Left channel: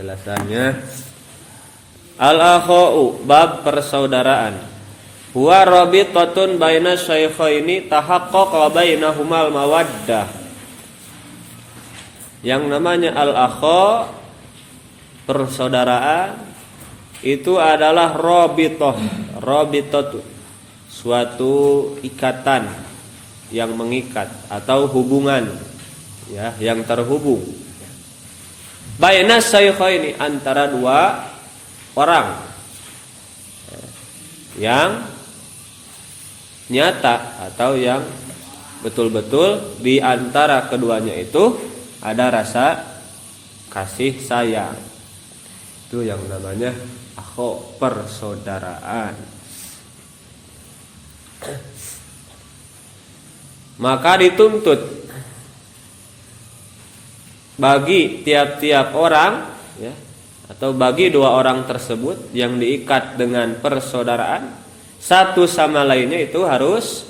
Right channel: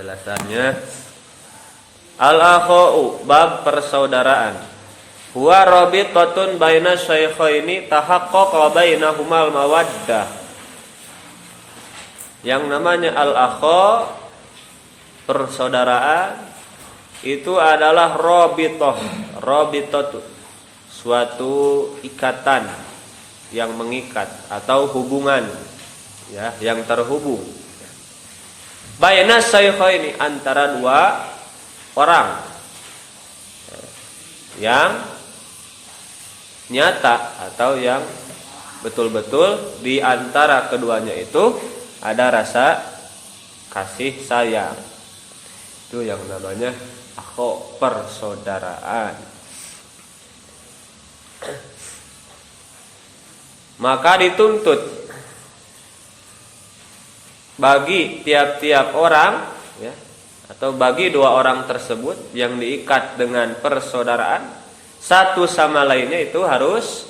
Jelasannya al-akhau bab persaudaraan. Huwa rabitotun baina syaikhaini tahaqqaqa bainahumal mawaddah. Yang namanya al-akha persaudaraan itu adalah rabitoh, suatu ikatan yang mengikat atau hubungan ya, yang terhubung. Baina syaikhaini, antara dua orang yang nyata atau yang betul-betul di antara keduanya itu ada rasa kasih sayang. Itu yang namanya akho, persaudaraan. Maka dituntut bagi tiap-tiap orang ya, atau bagi dua orang tersebut yang diikat dengan persaudaraan satu sama lainnya itu harus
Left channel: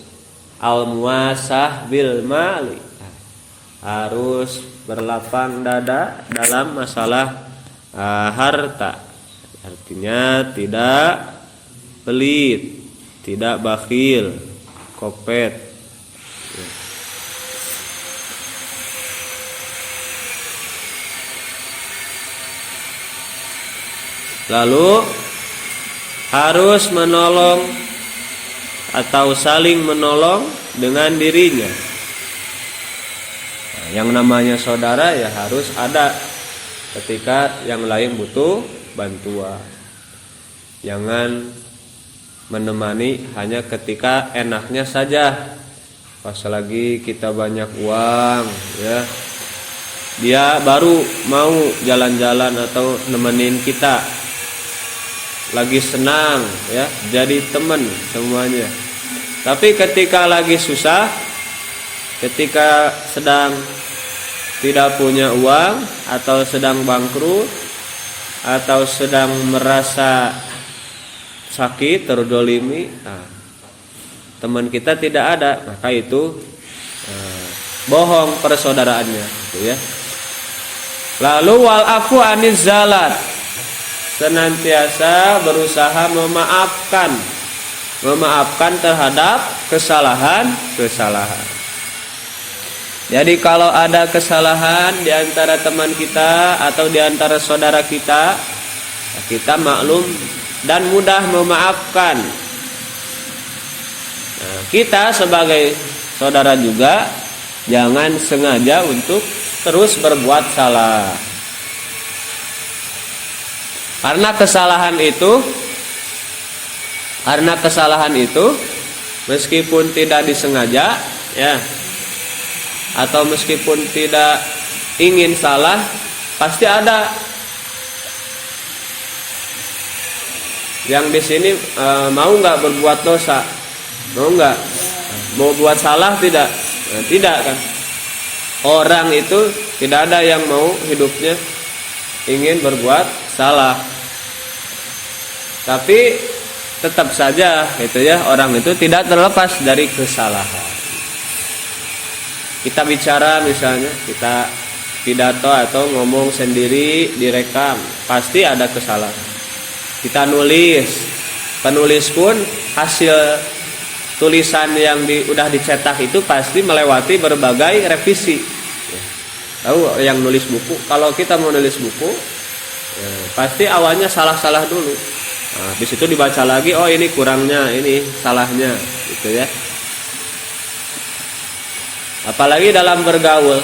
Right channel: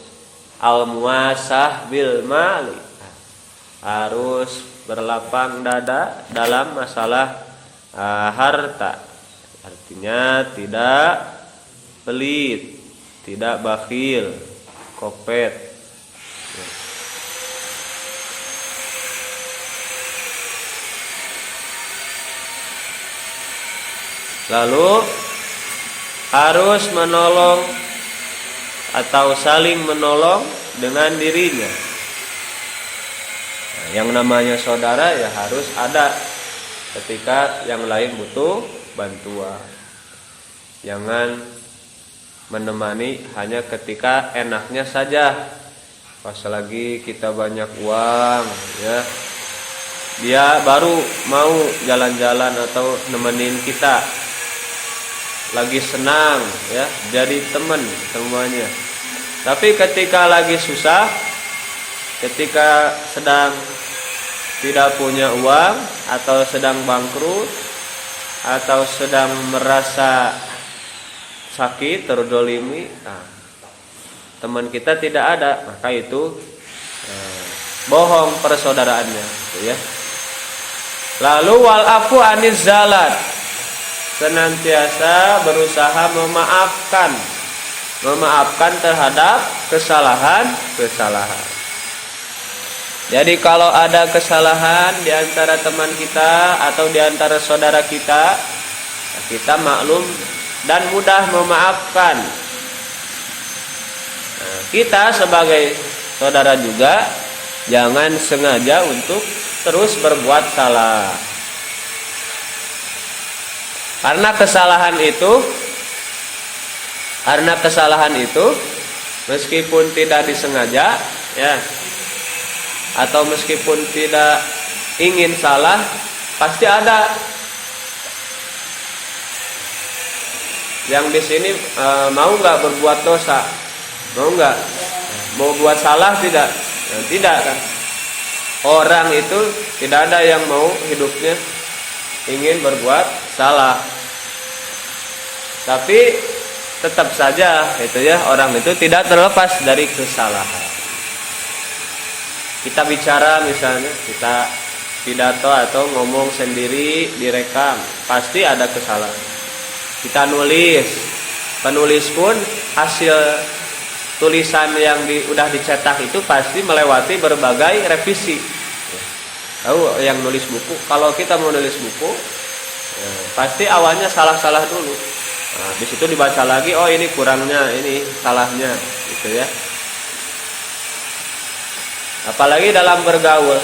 al-muasah bil mali, harus berlapang dada dalam masalah harta. Artinya tidak pelit, tidak bakhil, kopet. Lalu harus menolong atau saling menolong dengan dirinya. Nah, yang namanya saudara ya harus ada ketika yang lain butuh bantuan. Jangan menemani hanya ketika enaknya saja. Pas lagi kita banyak uang ya, dia baru mau jalan-jalan atau nemenin kita. Lagi senang ya, jadi teman semuanya. Tapi ketika lagi susah, ketika sedang tidak punya uang atau sedang bangkrut atau sedang merasa sakit, terdolimi, teman kita tidak ada, maka itu bohong persaudaraannya gitu ya. Lalu wal afu aniz zalat, senantiasa berusaha memaafkan terhadap kesalahan. Jadi kalau ada kesalahan di antara teman kita atau di antara saudara kita, kita maklum dan mudah memaafkan. Nah, kita sebagai saudara juga jangan sengaja untuk terus berbuat salah. Karena kesalahan itu meskipun tidak disengaja ya, atau meskipun tidak ingin salah, pasti ada yang di sini mau nggak berbuat dosa, mau buat salah tidak, tidak kan? Orang itu tidak ada yang mau hidupnya ingin berbuat salah, tapi tetap saja itu ya, orang itu tidak terlepas dari kesalahan. Kita bicara misalnya, kita pidato atau ngomong sendiri direkam, pasti ada kesalahan. Kita penulis pun hasil tulisan yang udah dicetak itu pasti melewati berbagai revisi. Tahu yang nulis buku, kalau kita mau nulis buku pasti awalnya salah-salah dulu. Di situ dibaca lagi, oh ini kurangnya, ini salahnya, gitu ya. Apalagi dalam bergaul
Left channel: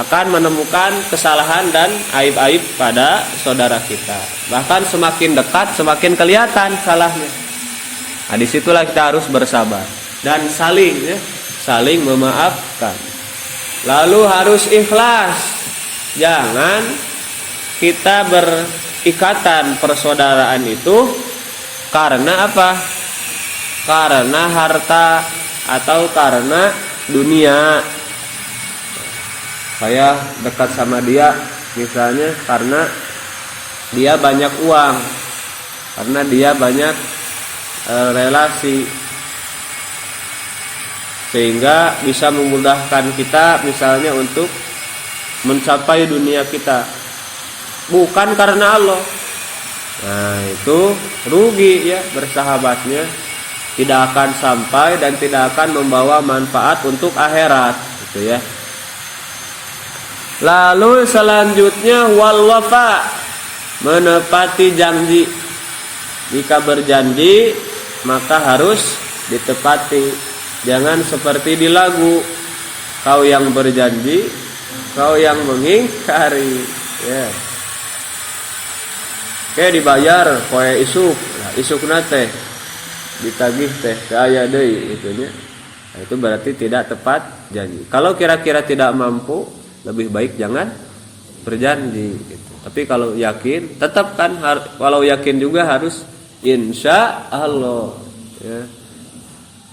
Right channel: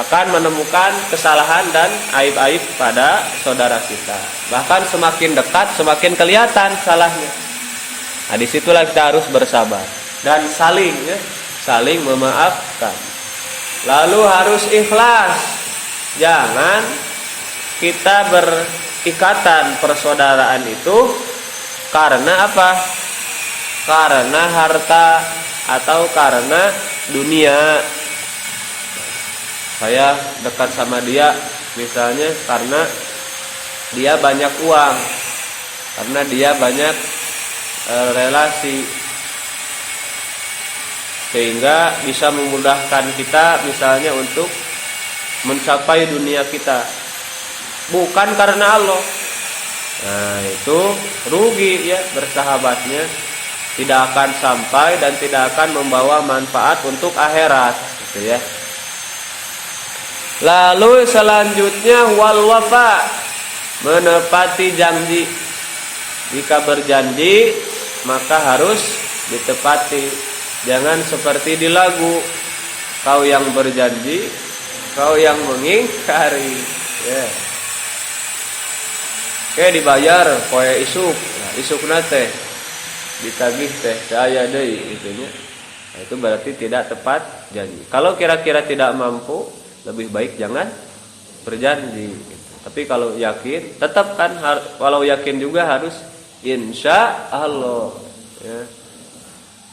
akan menemukan kesalahan dan aib-aib pada saudara kita. Bahkan semakin dekat semakin kelihatan salahnya. Nah, disitulah kita harus bersabar dan saling memaafkan. Lalu harus ikhlas. Jangan kita berikatan persaudaraan itu karena apa? Karena harta atau karena dunia. Saya dekat sama dia misalnya karena dia banyak uang, karena dia banyak relasi, sehingga bisa memudahkan kita misalnya untuk mencapai dunia kita. bukan karena Allah. Nah, itu rugi ya, bersahabatnya tidak akan sampai dan tidak akan membawa manfaat untuk akhirat gitu ya. Lalu selanjutnya wal wafa, menepati janji. Jika berjanji maka harus ditepati. Jangan seperti di lagu, kau yang berjanji, kau yang mengingkari ya. Oke, dibayar poe isuk. Nah, isukna teh ditagih teh aya deui gitu nya. Nah, itu berarti tidak tepat janji. Kalau kira-kira tidak mampu, lebih baik jangan berjanji gitu. Tapi kalau yakin, tetap kan walau yakin juga harus insya Allah ya.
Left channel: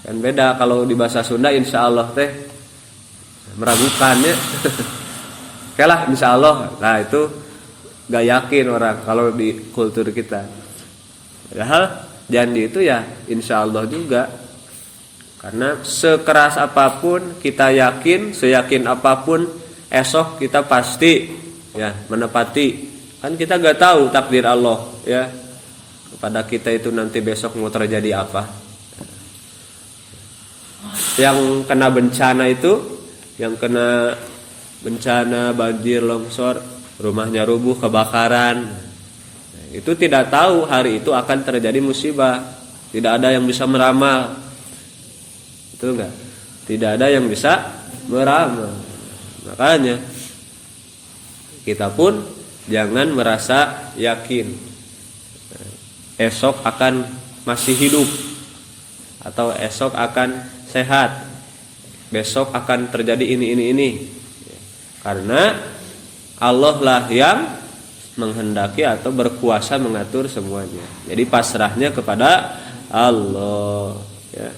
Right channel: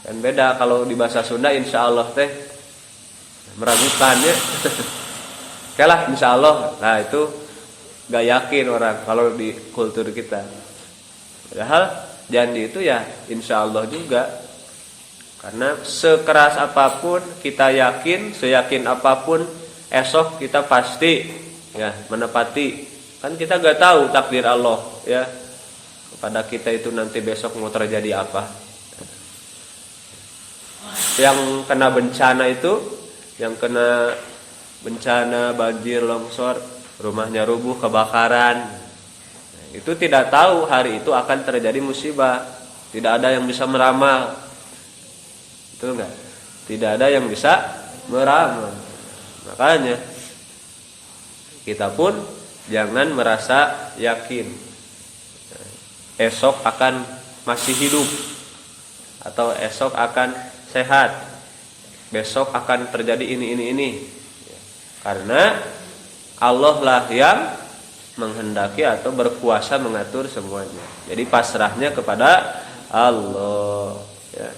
Dan beda kalau di bahasa Sunda insya Allah teh meragukan ya. Oke lah insya Allah. Nah itu gak yakin orang kalau di kultur kita. Padahal janji itu ya insya Allah juga. Karena sekeras apapun kita yakin, seyakin apapun esok kita pasti ya menepati. Kan kita gak tahu takdir Allah ya. Kepada kita itu nanti besok mau terjadi apa. Yang kena bencana itu, yang kena bencana banjir, longsor, rumahnya rubuh, kebakaran, itu tidak tahu hari itu akan terjadi musibah. Tidak ada yang bisa meramal. Itu enggak? Tidak ada yang bisa meramal. Makanya kita pun jangan merasa yakin esok akan masih hidup atau esok akan sehat, besok akan terjadi ini. Karena Allah lah yang menghendaki atau berkuasa mengatur semuanya. Jadi pasrahnya kepada Allah ya.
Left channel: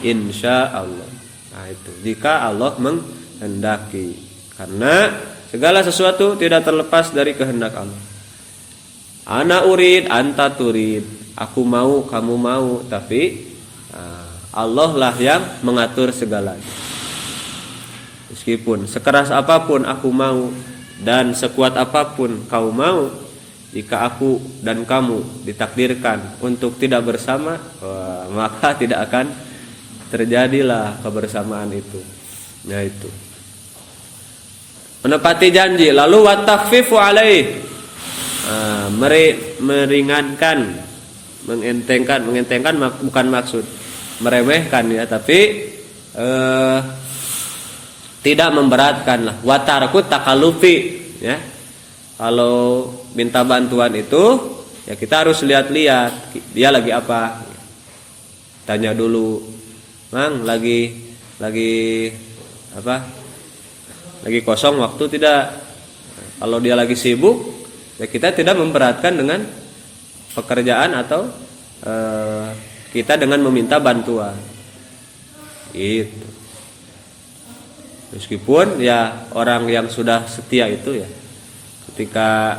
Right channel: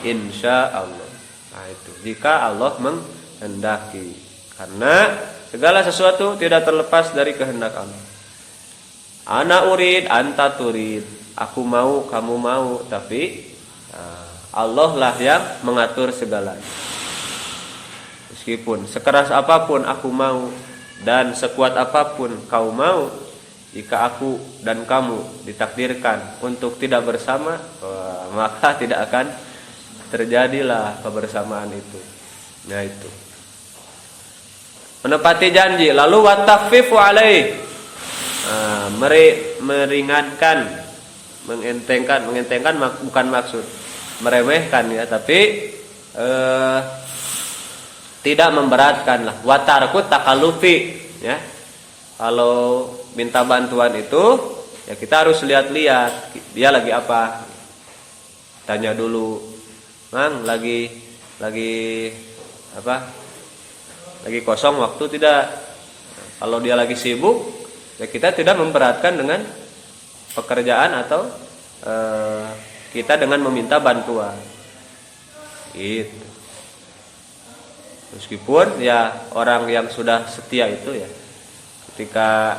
Insya Allah. Nah itu jika Allah menghendaki. Karena segala sesuatu tidak terlepas dari kehendak Allah. Ana urid anta turid. Aku mau kamu mau. Tapi Allah lah yang mengatur segalanya. Meskipun sekeras apapun aku mau dan sekuat apapun kau mau, jika aku dan kamu ditakdirkan untuk tidak bersama, maka tidak akan terjadilah kebersamaan itu. Nah itu. Menepati janji, lalu wattakhfifu alaih, meringankan, mengentengkan bukan maksud meremehkan ya, tapi tidak memberatkan lah. Watarku takalufi ya. Kalau minta bantuan itu ya kita harus lihat-lihat dia lagi apa. Tanya dulu, Mang lagi apa? Lagi kosong waktu tidak. Kalau dia lagi sibuk ya kita tidak memberatkan dengan pekerjaan atau kita dengan meminta bantuan. Itu. Meskipun ya orang yang sudah setia itu ya, ketika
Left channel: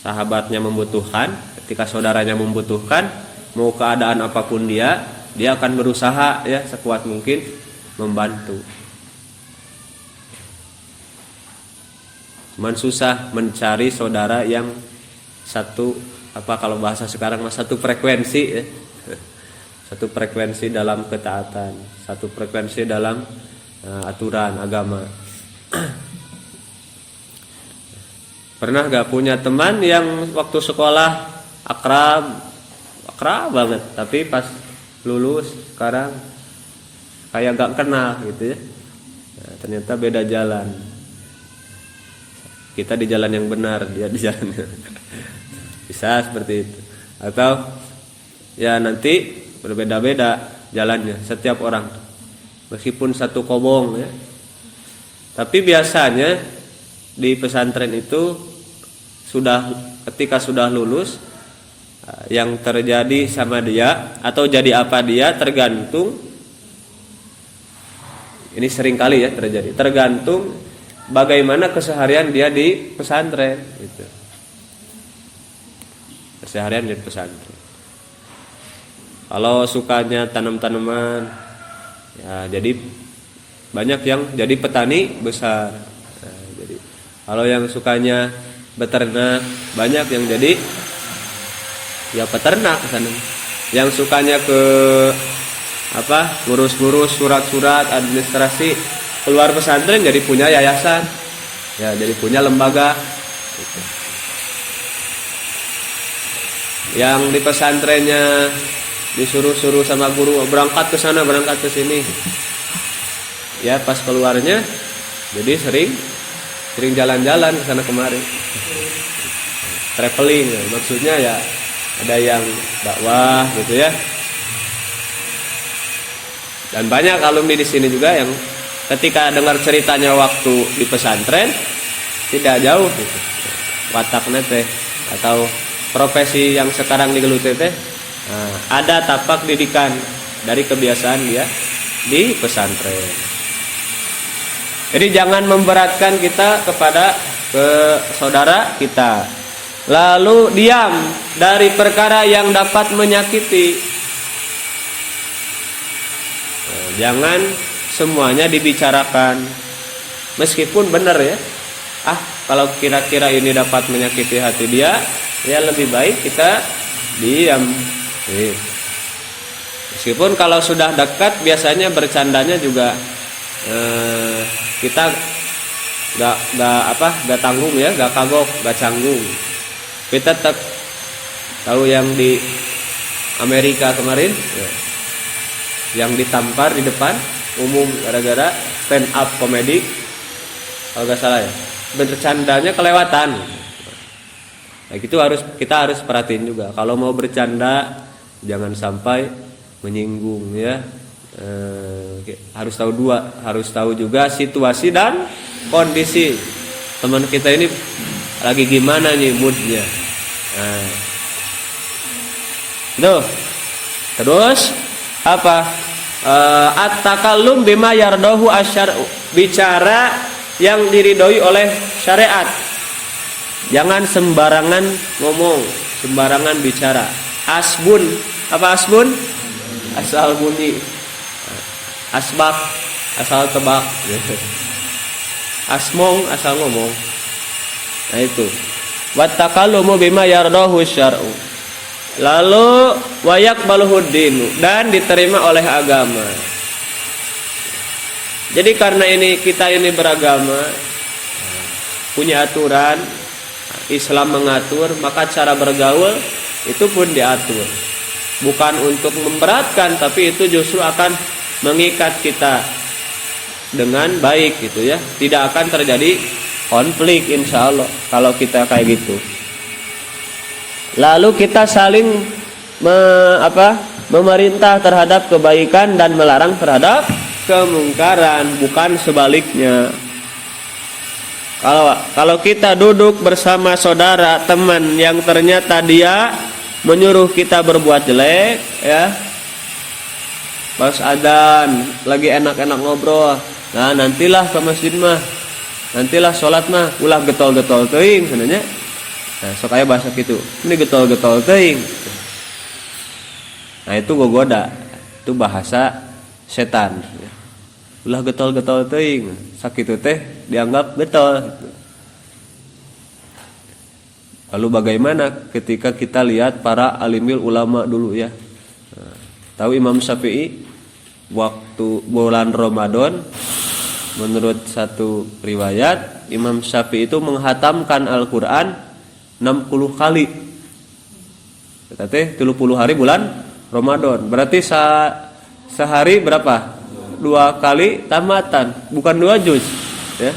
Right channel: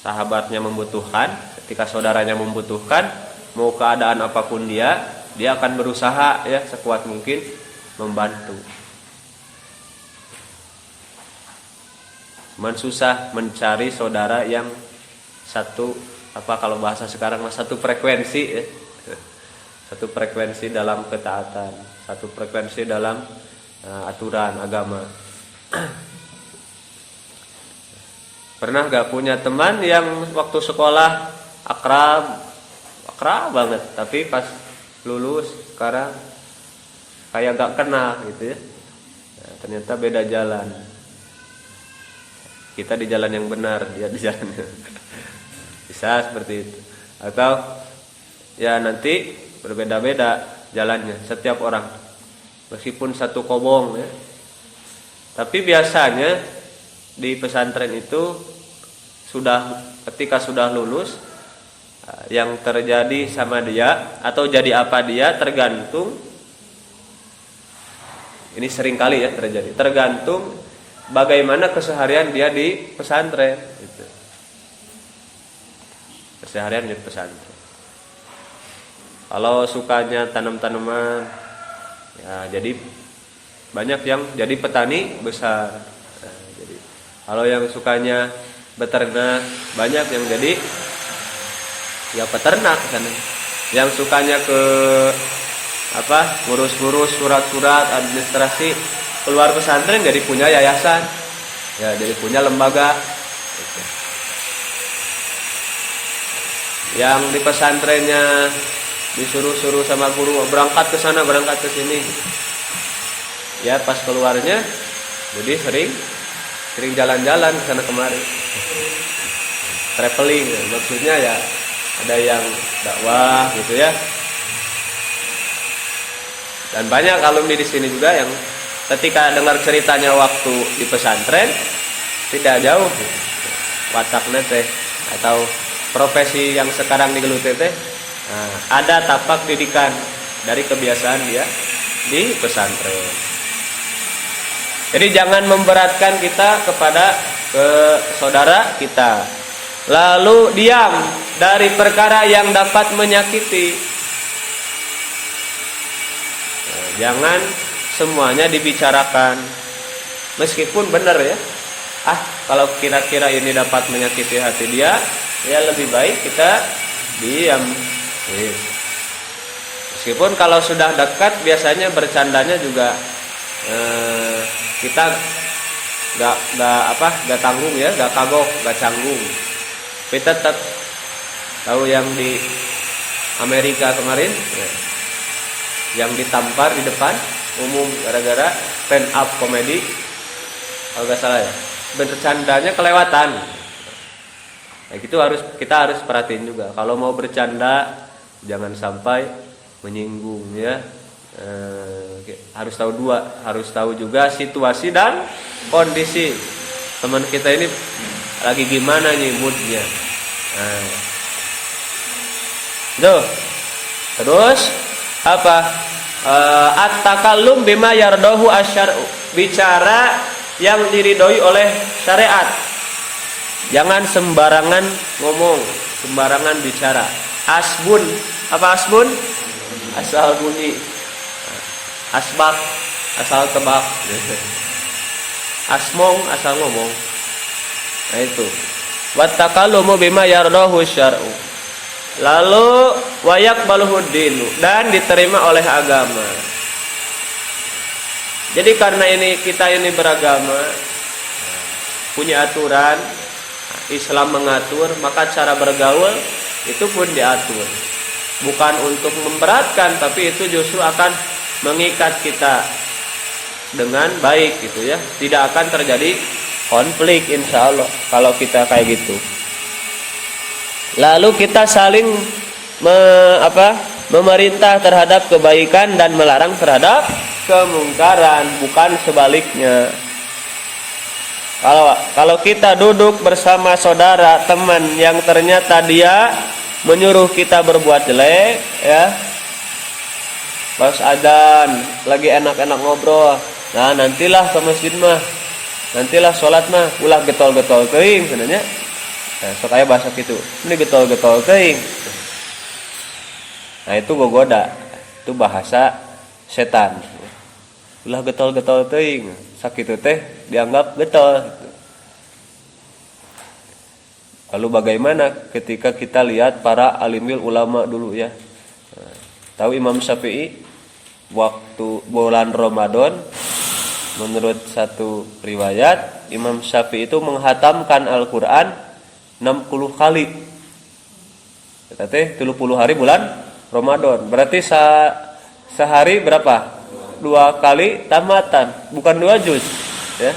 sahabatnya membutuhkan, ketika saudaranya membutuhkan, mau keadaan apapun dia akan berusaha ya sekuat mungkin membantu. Cuman susah mencari saudara yang satu apa kalau bahasa sekarang satu frekuensi ya. Satu frekuensi dalam ketaatan, satu frekuensi dalam aturan agama. Pernah gak punya teman yang waktu sekolah akrab banget, tapi pas lulus sekarang kayak gak kenal gitu ya. Nah, ternyata beda jalan. Kita di jalan yang benar, dia di jalan bisa seperti itu. Atau ya nanti berbeda-beda jalannya setiap orang. Meskipun satu kobong ya. Tapi biasanya di pesantren itu ketika sudah lulus, yang terjadi sama dia atau jadi apa dia tergantung. Ini sering kali ya terjadi. Tergantung bagaimana keseharian dia di pesantren gitu. Keseharian di pesantren. Kalau sukanya tanam-tanaman, ya, jadi banyak yang jadi petani besar. Nah, jadi kalau yang sukanya beternak, banyak yang jadi ya peternak sana. Yang sukanya ke ngurus-ngurus surat-surat administrasi, keluar pesantren jadi punya yayasan, ya jadi punya lembaga gitu. Yang di pesantrennya disuruh-suruh sama guru berangkat ke sana berangkat ke sini, ya pas keluarnya jadi sering jalan-jalan ke sana kemari, traveling ya. Maksudnya ya ada yang dakwah gitu ya. Dan banyak alumni di sini juga yang ketika dengar ceritanya waktu di pesantren tidak jauh gitu. Wataknya teh atau profesi yang sekarang digeluti teh ada tapak didikan dari kebiasaan dia di pesantren. Jadi jangan memberatkan kita kepada saudara kita. Lalu diam dari perkara yang dapat menyakiti. Jangan semuanya dibicarakan, meskipun benar ya. Kalau kira-kira ini dapat menyakiti hati dia, ya lebih baik kita diam. Meskipun kalau sudah dekat biasanya bercandanya juga kita gak tanggung ya, gak kagok, gak canggung. Kita tetap tahu yang di Amerika kemarin ya, yang ditampar di depan umum gara-gara stand up komedi, kalau gak salah ya, bercandanya kelewatan. Nah, gitu kita harus perhatiin juga. Kalau mau bercanda jangan sampai menyinggung ya. Harus tahu juga situasi dan kondisi teman kita ini lagi gimana nih moodnya. Terus at-takallum bima yardahu asyar'u, bicara yang diridhoi oleh syariat. Jangan sembarangan ngomong, sembarangan bicara. Asbun, asal bunyi. Asbak, asal tebak. Asmong, asal ngomong. Nah itu. Wat-takallumu bima yardahu syar'u. Lalu wayak baluhuddinu, dan diterima oleh agama. Jadi karena kita ini beragama, punya aturan, Islam mengatur, maka cara bergaul itu pun diatur. Bukan untuk memberatkan, tapi itu justru akan mengikat kita dengan baik gitu ya. Tidak akan terjadi konflik insya Allah kalau kita kayak gitu. Lalu kita saling memerintah terhadap kebaikan dan melarang terhadap kemungkaran, bukan sebaliknya. Kalau kita duduk bersama saudara teman yang ternyata dia menyuruh kita berbuat jelek ya, pas adzan lagi enak-enak ngobrol, nah nantilah ke masjid mah, nantilah sholat mah ulah getol-getol teuing sebenarnya. Nah, sok aya bahasa gitu. Ini getol-getol teuing. Nah, itu gogoda. Itu bahasa setan. Ulah getol-getol teuing. Sakitu teh dianggap getol. Lalu bagaimana ketika kita lihat para alimil ulama dulu ya. Nah, tahu Imam Syafi'i waktu bulan Ramadan, menurut satu riwayat Imam Syafi'i itu menghatamkan Al-Qur'an 60 kali. Kita teh 30 hari bulan Ramadan. Berarti sehari berapa? 2 kali tamatan, bukan 2 juz ya.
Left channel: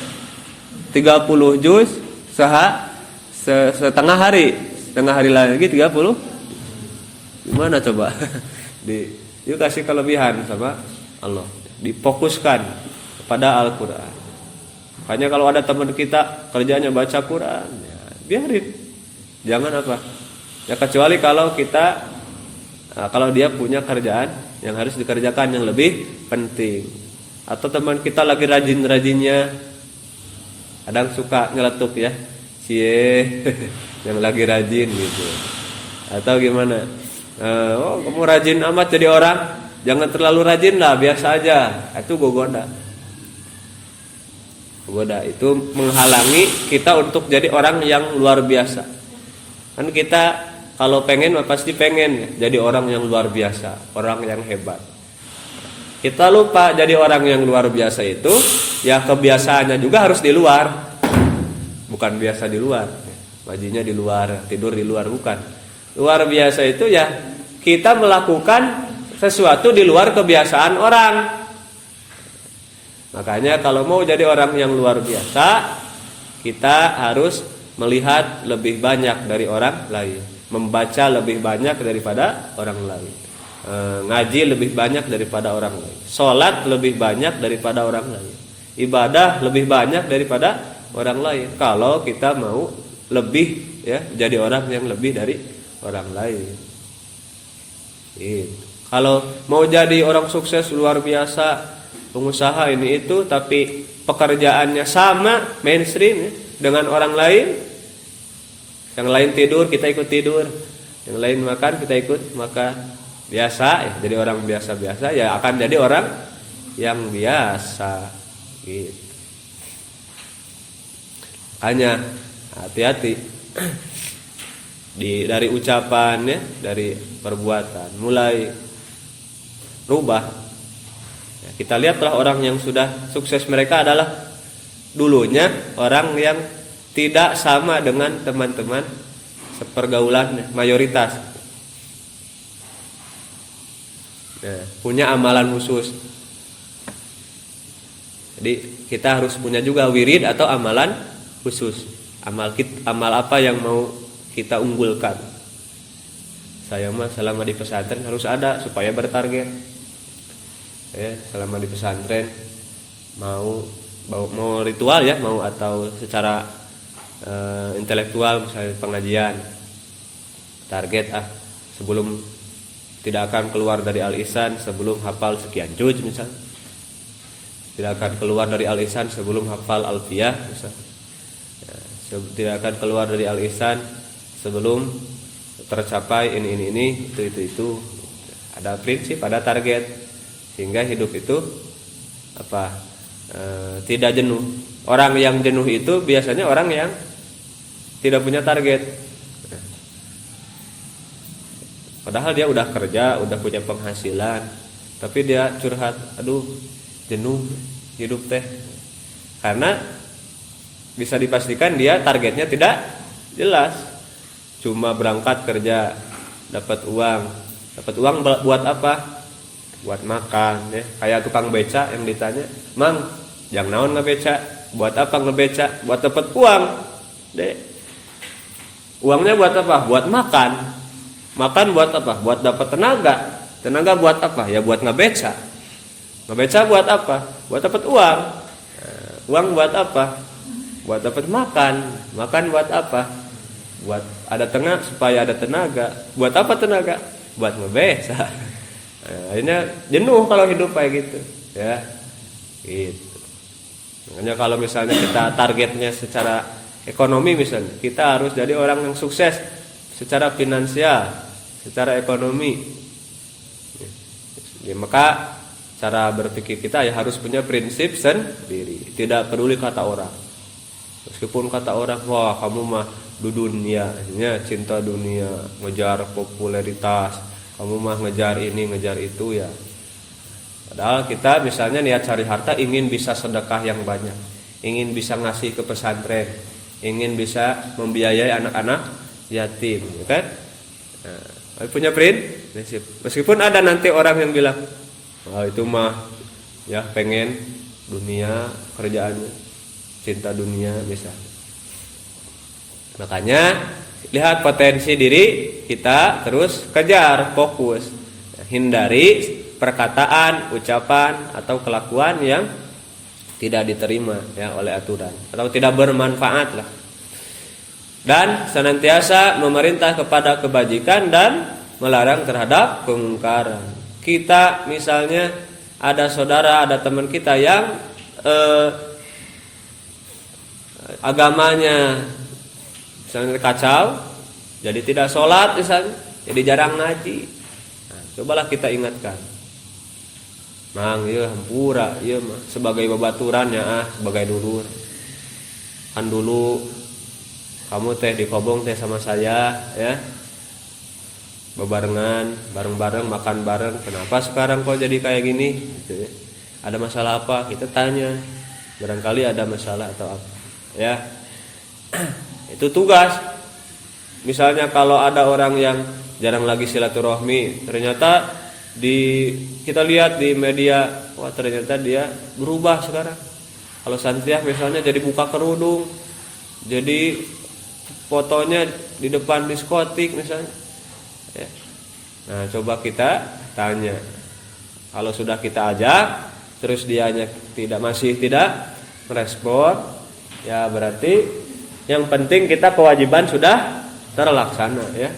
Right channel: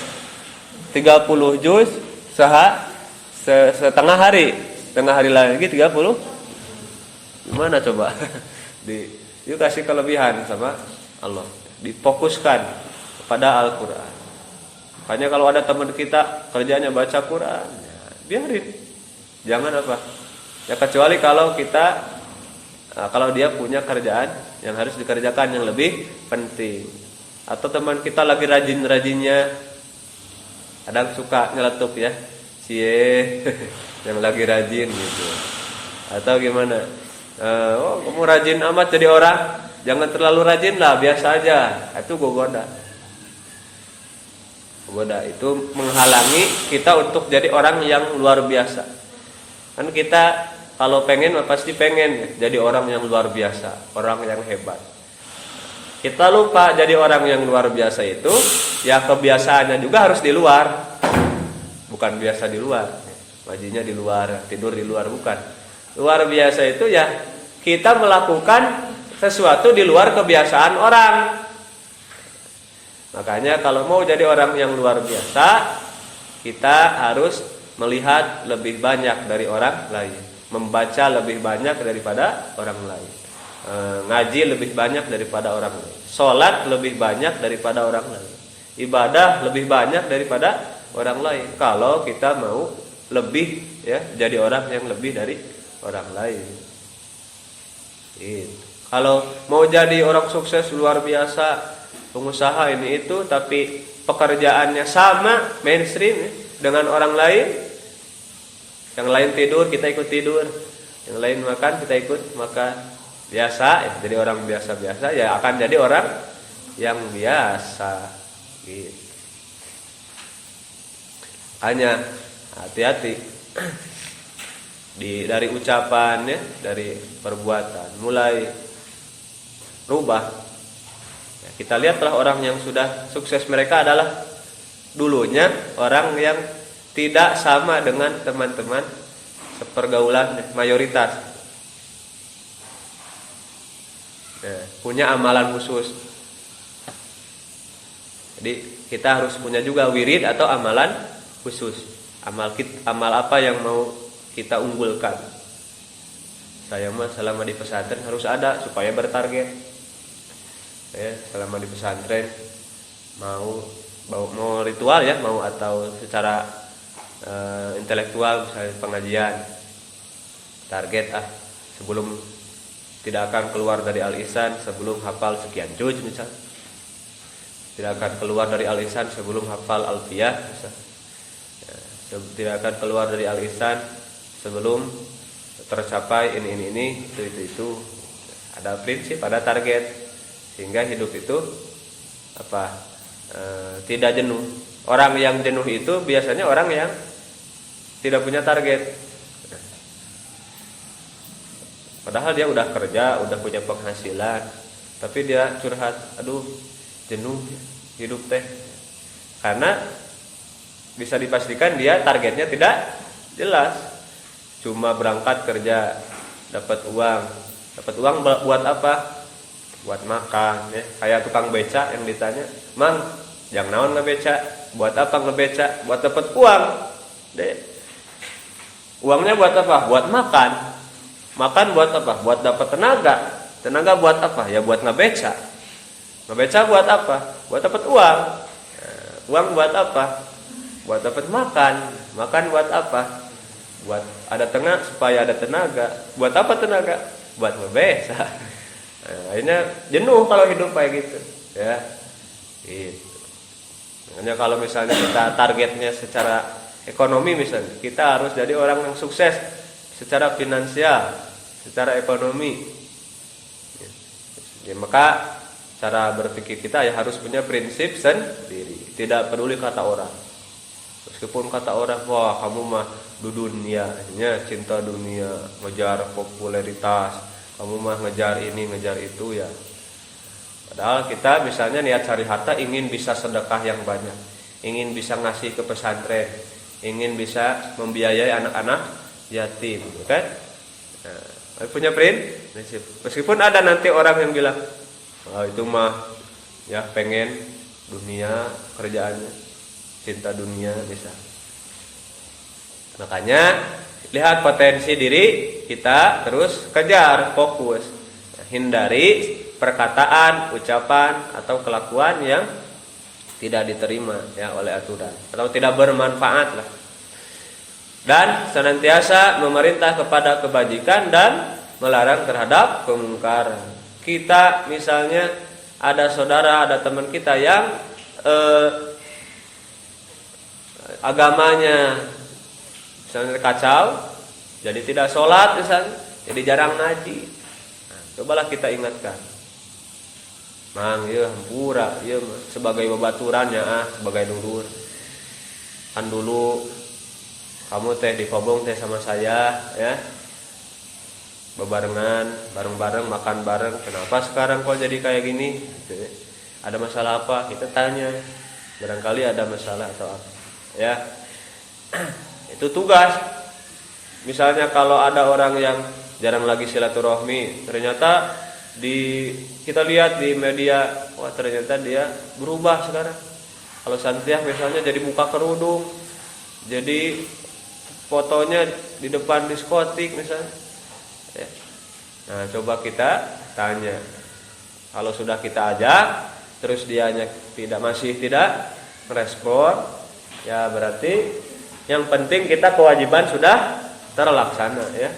30 juz setengah hari. Setengah hari lagi 30. Gimana coba? Yuk kasih kelebihan sama Allah. Difokuskan kepada Al-Qur'an. Makanya kalau ada teman kita kerjanya baca Quran, ya, biarin. Jangan ya kecuali kalau dia punya kerjaan yang harus dikerjakan yang lebih penting, atau teman kita lagi rajin-rajinnya, kadang suka ngeletuk ya, yang lagi rajin gitu, atau gimana? Kamu rajin amat jadi orang, jangan terlalu rajin lah, biasa aja, itu gogoda. Menggoda itu menghalangi kita untuk jadi orang yang luar biasa. Kan kita kalau pengen pasti pengen jadi orang yang luar biasa, orang yang hebat. Kita lupa jadi orang yang luar biasa itu ya kebiasaannya juga harus di luar. Bukan biasa di luar. Bajunya di luar, tidur di luar, bukan. Luar biasa itu ya kita melakukan sesuatu di luar kebiasaan orang. Makanya kalau mau jadi orang yang luar biasa, kita harus melihat lebih banyak dari orang lain, membaca lebih banyak daripada orang lain, ngaji lebih banyak daripada orang lain, sholat lebih banyak daripada orang lain, ibadah lebih banyak daripada orang lain. Kalau kita mau lebih ya jadi orang yang lebih dari orang lain. Kalau mau jadi orang sukses luar biasa, pengusaha ini itu, tapi pekerjaannya sama mainstream ya, dengan orang lain. Yang lain tidur kita ikut tidur, yang lain makan kita ikut makan. Biasa ya, jadi orang biasa-biasa ya akan jadi orang yang biasa gitu. Hanya hati-hati dari ucapan ya, dari perbuatan mulai rubah. Kita lihatlah orang yang sudah sukses, mereka adalah dulunya orang yang tidak sama dengan teman-teman sepergaulan mayoritas. Ya, punya amalan khusus. Jadi kita harus punya juga wirid atau amalan khusus. Amal apa yang mau kita unggulkan. Saya mah selama di pesantren harus ada supaya bertarget. Ya, selama di pesantren mau ritual ya, mau atau secara intelektual, misalnya pengajian, target sebelum tidak akan keluar dari Al-Ihsan sebelum hafal sekian juz misalnya, tidak akan keluar dari Al-Ihsan sebelum hafal Alfiyah misalnya, tidak akan keluar dari Al-Ihsan sebelum tercapai ini itu. Ada prinsip, ada target, sehingga hidup itu tidak jenuh. Orang yang jenuh itu biasanya orang yang tidak punya target. Padahal dia udah kerja, udah punya penghasilan, tapi dia curhat, aduh jenuh hidup teh. Karena bisa dipastikan dia targetnya tidak jelas. Cuma berangkat kerja, dapat uang buat apa? Buat makan ya. Kayak tukang beca yang ditanya, "Mang, yang naon ngebeca? Buat apa ngebeca? Buat dapat uang." Deh. Uangnya buat apa? Buat makan. Makan buat apa? Buat dapat tenaga. Tenaga buat apa? Ya buat ngebeca. Ngebeca buat apa? Buat dapat uang. Uang buat apa? Buat dapat makan. Makan buat apa? Buat ada tenaga, supaya ada tenaga. Buat apa tenaga? Buat ngebeca. Akhirnya jenuh kalau hidup kayak gitu ya. Gitu. Makanya kalau misalnya kita targetnya secara ekonomi, misalnya kita harus jadi orang yang sukses secara finansial, secara ekonomi ya, maka cara berpikir kita ya harus punya prinsip sendiri. Tidak peduli kata orang. Meskipun kata orang, wah kamu mah dunia, cinta dunia, ngejar popularitas, kamu mah ngejar ini ngejar itu ya. Padahal kita misalnya niat cari harta, ingin bisa sedekah yang banyak, ingin bisa ngasih ke pesantren, ingin bisa membiayai anak-anak yatim, kan? Nah, punya prinsip. Meskipun ada nanti orang yang bilang, wah itu mah ya pengen dunia kerjaannya, cinta dunia bisa. Makanya lihat potensi diri kita, terus kejar, fokus, hindari perkataan, ucapan atau kelakuan yang tidak diterima ya oleh aturan atau tidak bermanfaat lah. Dan senantiasa memerintah kepada kebajikan dan melarang terhadap kemungkaran. Kita misalnya ada saudara, ada teman kita yang agamanya misalnya kacau, jadi tidak sholat misalnya, jadi jarang ngaji. Nah, cobalah kita ingatkan. mang ieu hampura ieu sebagai babaturan ya sebagai dulur. Kan dulu kamu teh di Kobong teh sama saya ya, bebarengan bareng-bareng makan bareng, kenapa sekarang kok jadi kayak gini gitu ya. Ada masalah apa, kita tanya, barangkali ada masalah atau apa ya. Itu tugas. Misalnya kalau ada orang yang jarang lagi silaturahmi, ternyata kita lihat di media, wah ternyata dia berubah sekarang. Kalau Santiah misalnya jadi buka kerudung, jadi fotonya di depan diskotik misalnya ya. Nah coba kita tanya, kalau sudah kita ajak terus dianya masih tidak merespon, ya berarti yang penting kita kewajiban sudah terlaksana ya.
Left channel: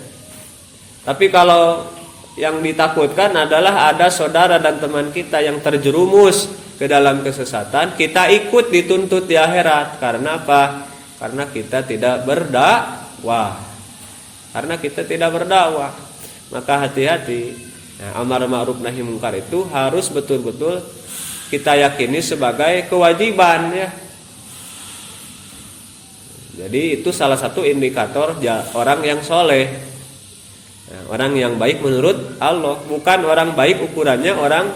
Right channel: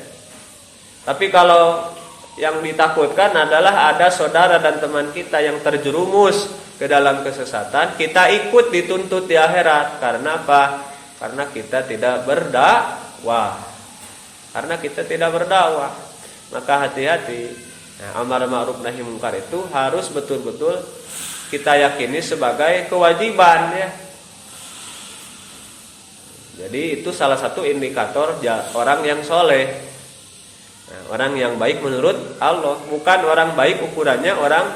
Tapi kalau yang ditakutkan adalah ada saudara dan teman kita yang terjerumus ke dalam kesesatan, kita ikut dituntut di akhirat. Karena apa? Karena kita tidak berdakwah. Maka hati-hati. Nah, amar ma'ruf nahi munkar itu harus betul-betul kita yakini sebagai kewajiban ya. Jadi itu salah satu indikator orang yang soleh, orang yang baik menurut Allah. Bukan orang baik ukurannya orang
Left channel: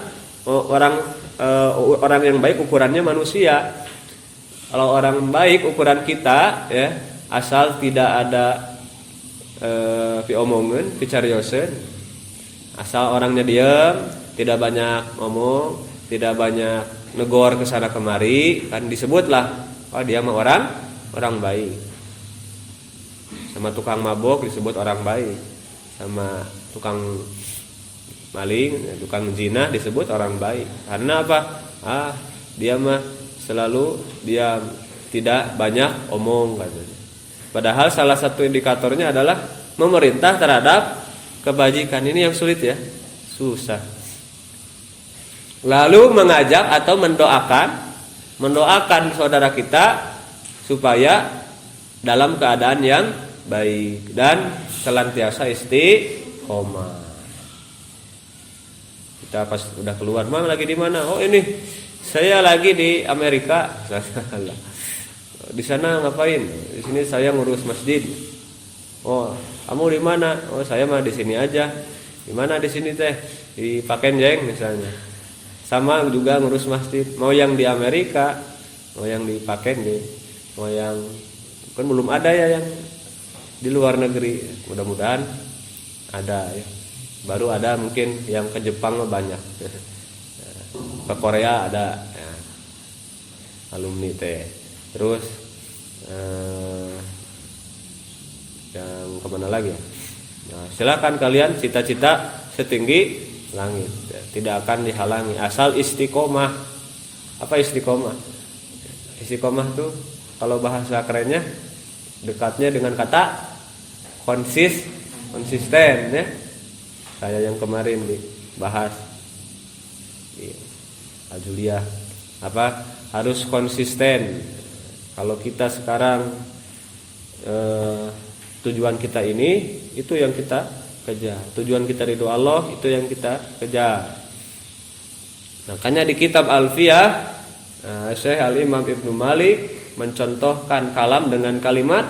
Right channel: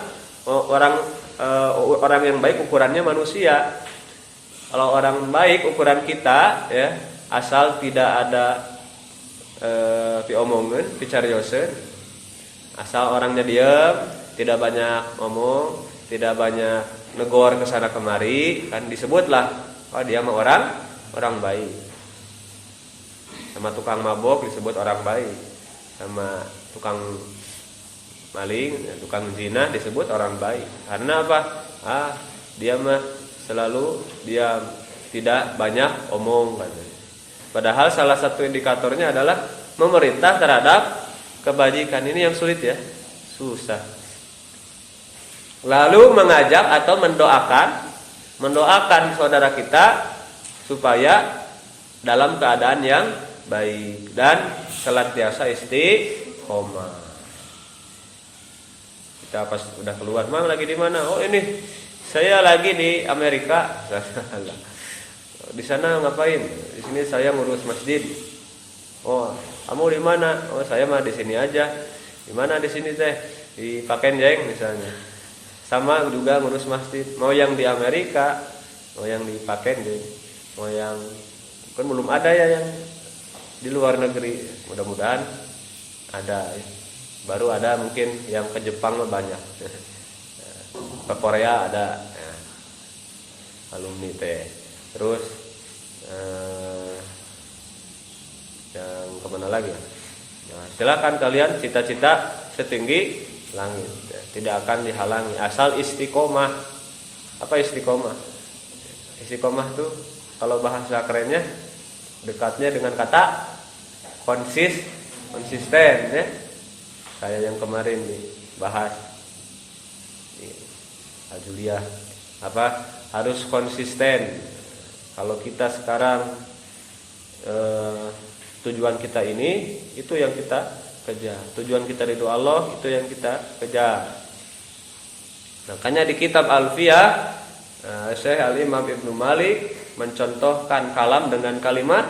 yang baik ukurannya manusia. Kalau orang baik ukuran kita ya, asal tidak ada piomongin, picariosen, asal orangnya diam, tidak banyak ngomong, tidak banyak negor kesana kemari, kan disebutlah oh dia mah orang baik. Sama tukang mabok disebut orang baik, sama tukang maling, tukang zina disebut orang baik. Karena apa? Dia mah selalu diam, tidak banyak omong katanya. Padahal salah satu indikatornya adalah memerintah terhadap kebajikan. Ini yang sulit ya, susah. Lalu mengajak atau mendoakan saudara kita supaya dalam keadaan yang baik dan senantiasa istiqomah. Kita pas udah keluar, "Mang lagi di mana?" "Oh, ini saya lagi di Amerika." "Di sana ngapain?" "Di sini saya ngurus masjid." "Oh, kamu di mana?" "Oh, saya mah di sini aja." "Di mana di sini teh?" "Di Pakenjeng misalnya." Sama juga ngurus masjid. Mau yang di Amerika, mau yang di Pakenjeng, mau yang kan belum ada ya yang di luar negeri. Mudah-mudahan ada ya. Baru ada mungkin yang ke Jepang banyak. Ke Korea ada ya, alumni teh. Terus yang kemana lagi? Nah, silakan kalian cita-cita setinggi langit, ya, tidak akan dihalangi asal istiqomah. Apa istiqomah? Istiqomah tuh kalau bahasa kerennya dekatnya dengan kata konsisten ya. Kayak yang kemarin dibahas di Ajuliah, apa harus konsisten. Kalau kita sekarang tujuan kita ini, itu yang kita kejar. Tujuan kita ridho Allah, itu yang kita kejar. Makanya di kitab Alfiyah, Syekh Al-Imam Ibnu Malik mencontohkan kalam dengan kalimat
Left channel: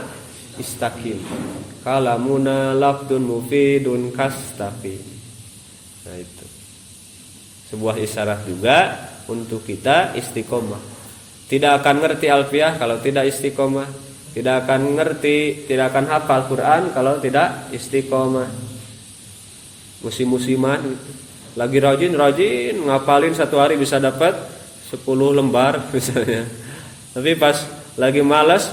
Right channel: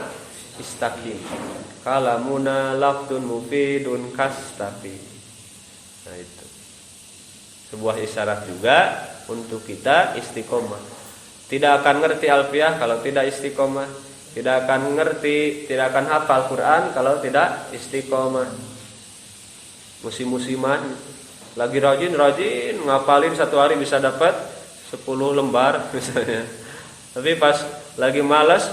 istaqim. Kalamuna lafdun mufidun kastaqim. Nah itu sebuah isyarat juga untuk kita istiqomah. Tidak akan ngerti Alfiyah kalau tidak istiqomah. Tidak akan akan hafal Quran kalau tidak istiqomah. Musim-musiman lagi rajin ngapalin satu hari bisa dapat 10 lembar misalnya. Tapi pas lagi malas,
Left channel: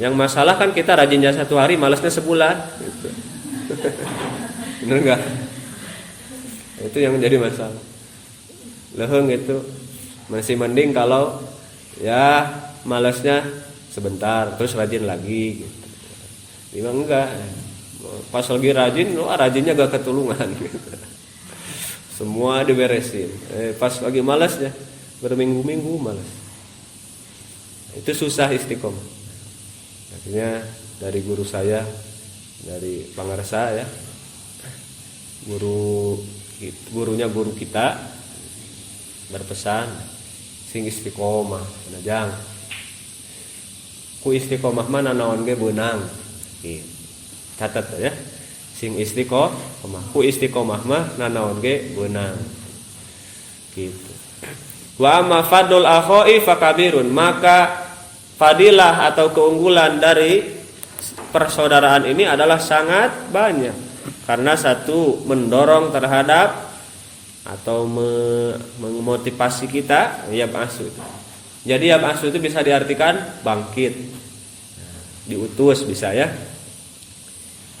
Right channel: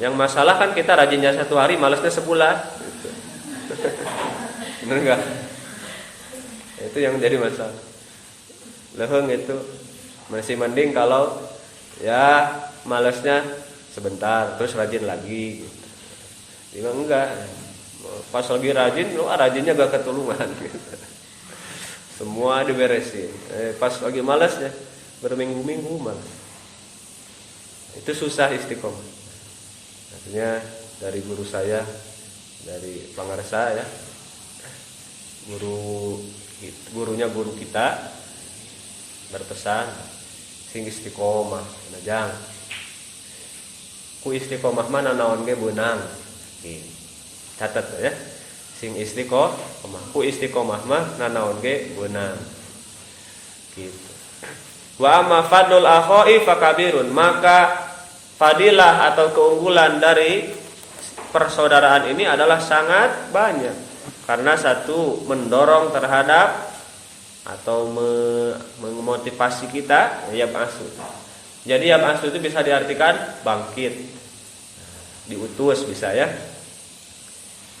yang masalah kan kita rajinnya satu hari, malasnya sebulan. Bener nggak? Itu yang jadi masalah. Leheng itu masih mending kalau ya malasnya sebentar, terus rajin lagi. Gitu. Enggak. Pas lagi rajinnya gak ketulungan. Gitu. Semua diberesin. Pas lagi malasnya berminggu-minggu malas. Itu susah istiqomah. Artinya dari guru saya, dari pangarsa ya, gurunya guru kita, berpesan sing istiqomah najang ku istiqomah mana naon ge beunang gitu. Catat ya sing istiqomah ku istiqomah mah nanaon ge beunang gitu. Wa amma fadlul akhoi fakabirun, maka fadilah atau keunggulan dari persaudaraan ini adalah sangat banyak karena satu mendorong terhadap atau memotivasi kita ya ba'su. Jadi ya ba'su itu bisa diartikan bangkit, diutus bisa ya,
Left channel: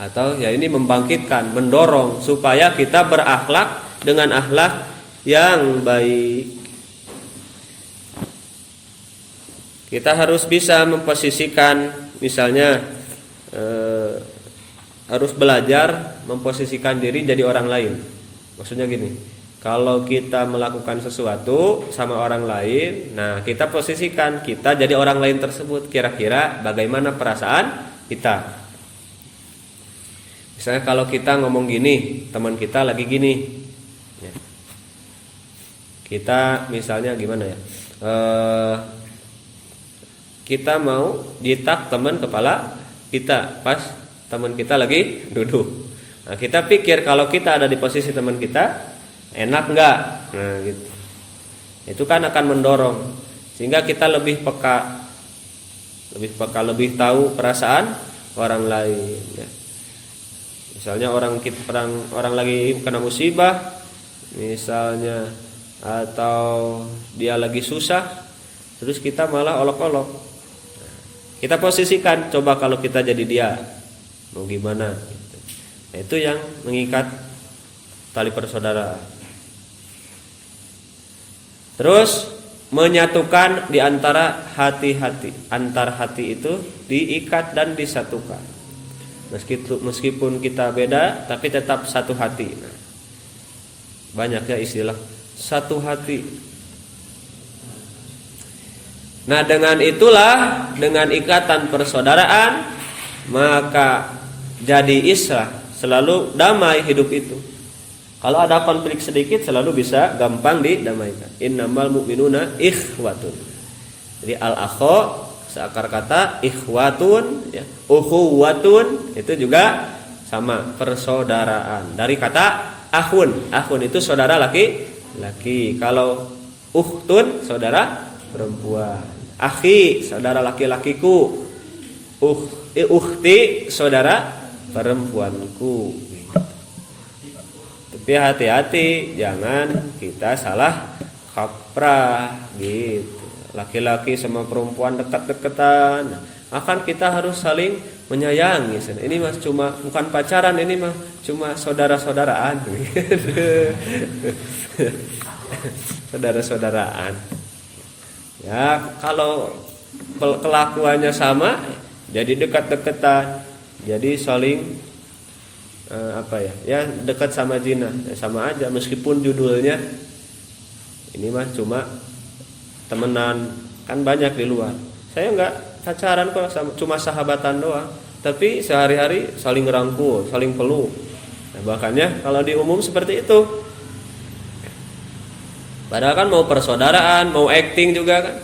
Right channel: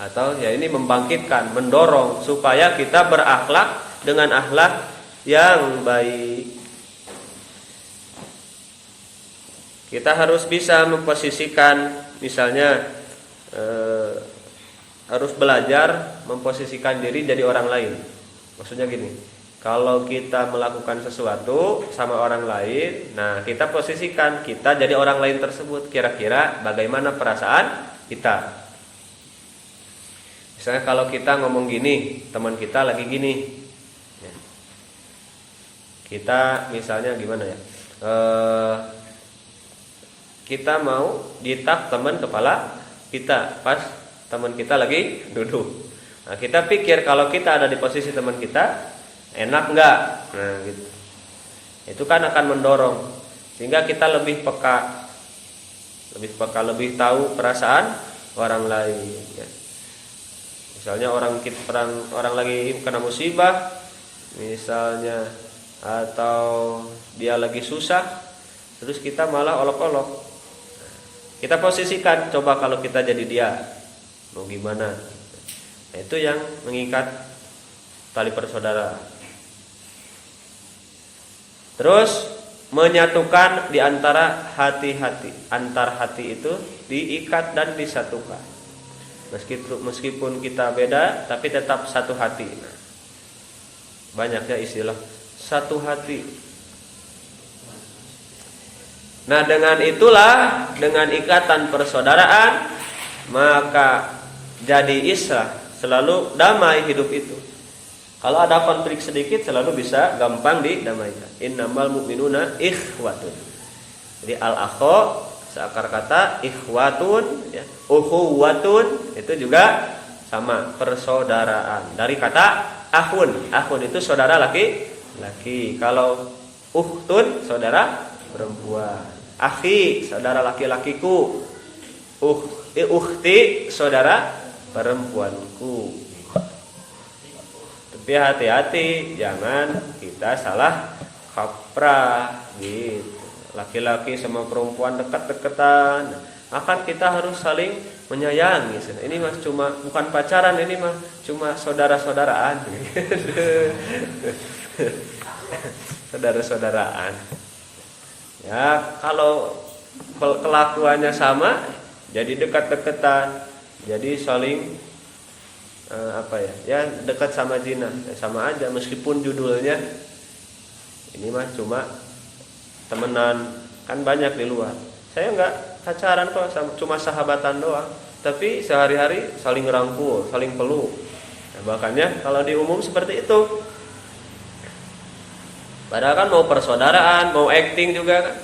atau ya ini membangkitkan, mendorong supaya kita berakhlak dengan akhlak yang baik. Kita harus bisa memposisikan, misalnya harus belajar memposisikan diri jadi orang lain. Maksudnya gini, kalau kita melakukan sesuatu sama orang lain, nah kita posisikan kita jadi orang lain tersebut, kira-kira bagaimana perasaan kita. Misalnya kalau kita ngomong gini, teman kita lagi gini, ya. Kita misalnya gimana ya? Kita mau ditak teman kepala kita pas teman kita lagi duduk. Nah, kita pikir kalau kita ada di posisi teman kita, enak nggak? Nah, gitu. Itu kan akan mendorong sehingga kita lebih peka, lebih tahu perasaan orang lain. Ya. Misalnya orang lagi kena musibah, misalnya, atau dia lagi susah, terus kita malah olok-olok. Kita posisikan, coba kalau kita jadi dia, mau gimana? Nah, itu yang mengikat tali persaudaraan. Terus menyatukan di antara hati-hati, antar hati itu diikat dan disatukan. Meskipun kita beda, tapi tetap satu hati. Nah, banyaknya istilah satu hati. Nah, dengan itulah, dengan ikatan persaudaraan, maka jadi islah, selalu damai hidup itu. Kalau ada konflik sedikit selalu bisa gampang didamaikan. Innamal mu'minuna ikhwatun. Jadi al-akho seakar kata ikhwatun, ya, ukhuwatun itu juga sama, persaudaraan. Dari kata akhun, akhun itu saudara laki-laki. Kalau ukhtun saudara perempuan. Akhi saudara laki-lakiku. Ukhti saudara perempuanku. Tapi hati-hati jangan kita salah kaprah gitu. Laki-laki sama perempuan dekat-dekatan, akan kita harus saling menyayangi. Ini mah cuma bukan pacaran, ini mah cuma saudara-saudaraan. Saudara-saudaraan. Ya, kalau kelakuannya sama, jadi dekat-dekatan, jadi saling ya dekat sama zina, ya sama aja meskipun judulnya ini mah cuma temenan, kan banyak di luar. Saya enggak pacaran kok, cuma sahabatan doang, tapi sehari-hari saling ngerangkul, saling peluk. Nah, makanya kalau di umum seperti itu. Padahal kan mau persaudaraan, mau acting juga kan.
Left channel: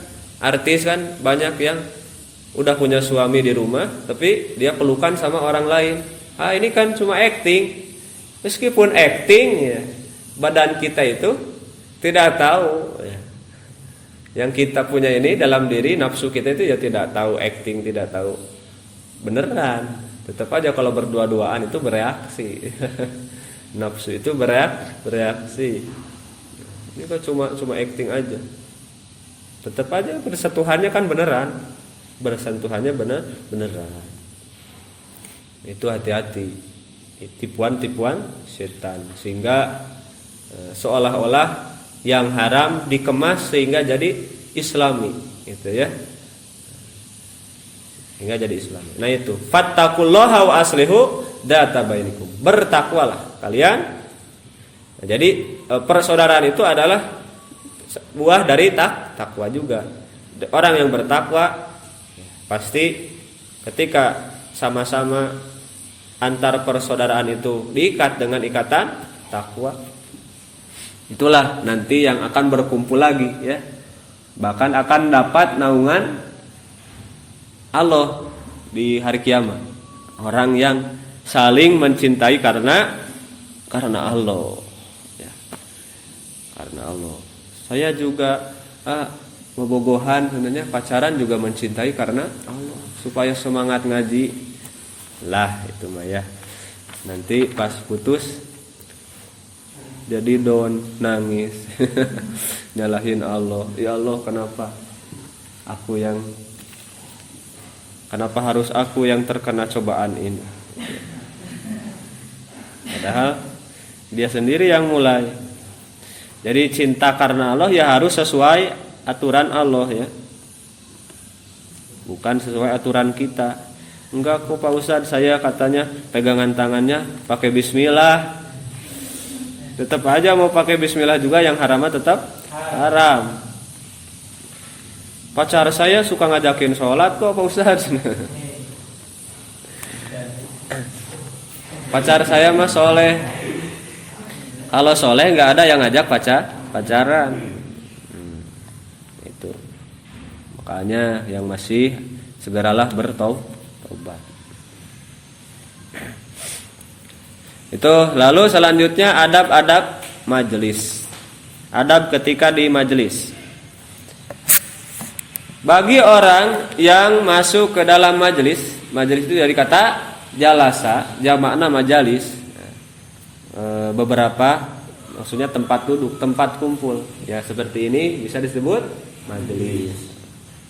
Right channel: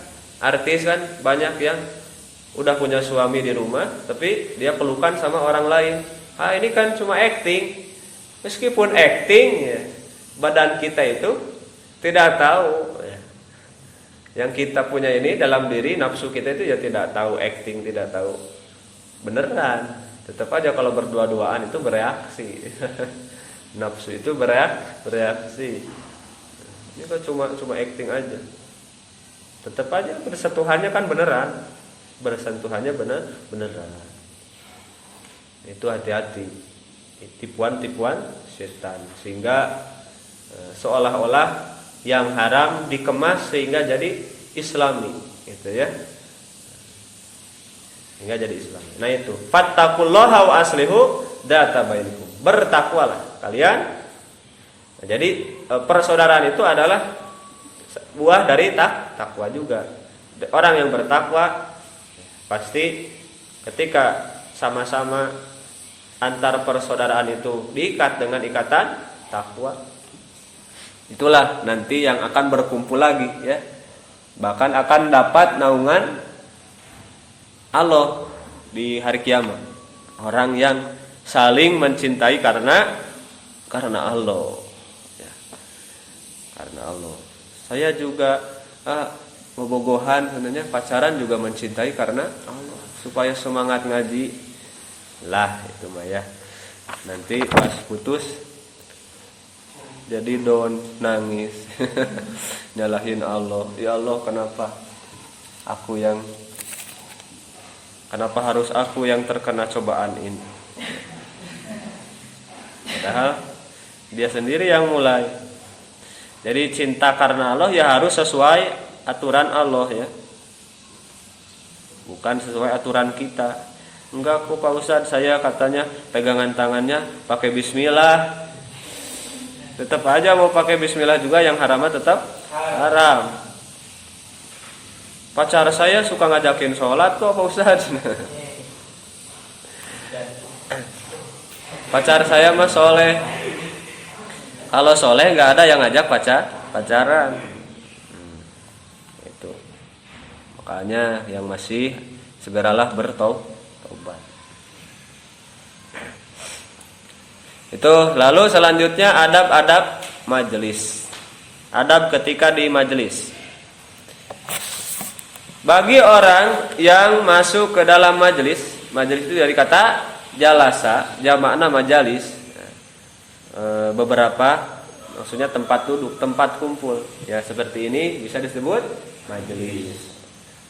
Artis kan banyak yang udah punya suami di rumah, tapi dia pelukan sama orang lain. Ah, ini kan cuma acting. Meskipun acting, ya, badan kita itu tidak tahu. Ya. Yang kita punya ini dalam diri, nafsu kita itu ya tidak tahu acting, tidak tahu beneran. Tetap aja kalau berdua-duaan itu bereaksi. Nafsu itu bereaksi. Ini kan cuma acting aja. Tetap aja bersentuhannya kan beneran. Bersentuhannya beneran. Itu hati-hati. Tipuan-tipuan setan, sehingga seolah-olah yang haram dikemas sehingga jadi islami, gitu ya. Hingga jadi islami. Nah itu, fattaqullaha wa aslihu dzata bainakum. Bertakwalah kalian. Nah, jadi persaudaraan itu adalah buah dari takwa juga. Orang yang bertakwa pasti ketika sama-sama antar persaudaraan itu diikat dengan ikatan takwa, Itulah nanti yang akan berkumpul lagi ya. Bahkan akan dapat naungan Allah di hari kiamat. Orang yang saling mencintai karena Allah ya. Karena Allah. Saya juga bobogohan sebenarnya pacaran juga mencintai karena Allah, supaya semangat ngaji lah itu mah ya. Nanti pas putus jadi don nangis nyalahin Allah, ya Allah kenapa harus aku yang terkena cobaan ini, padahal dia sendiri yang mulai. Jadi cinta karena Allah ya harus sesuai aturan Allah ya, bukan sesuai aturan kita. Enggak kok Pak Ustadz, saya katanya pegangan tangannya pakai bismillah, tetap aja mau pakai bismillah juga yang haramnya tetap haram. Pacar saya suka ngajakin sholat kok Pak Ustadz. Pacar saya mah soleh. Kalau soleh nggak ada yang ngajak pacaran. Itu makanya yang masih segeralah bertaubat. Itu lalu selanjutnya adab-adab majelis. Adab ketika di majelis. Bagi orang yang masuk ke dalam majelis itu dari kata jalasa, jamakna majalis. Beberapa maksudnya tempat duduk, tempat kumpul. Ya seperti ini bisa disebut majelis.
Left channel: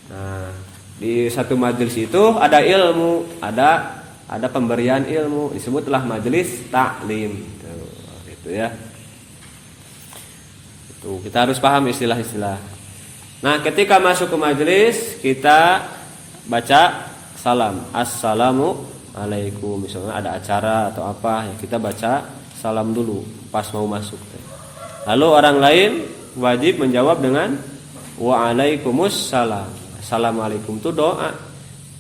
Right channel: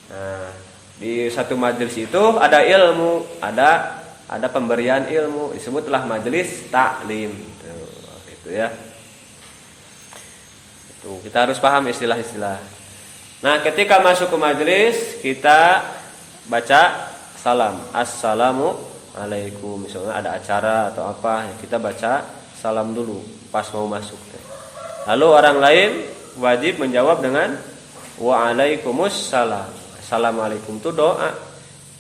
Nah, di satu majelis itu ada ilmu, ada pemberian ilmu, disebutlah majelis taklim. Itu ya. Itu kita harus paham istilah-istilah. Nah, ketika masuk ke majelis kita baca salam, assalamu alaikum. Misalnya ada acara atau apa, ya kita baca salam dulu pas mau masuk. Lalu orang lain wajib menjawab dengan waalaikumsalam. Assalamualaikum itu doa.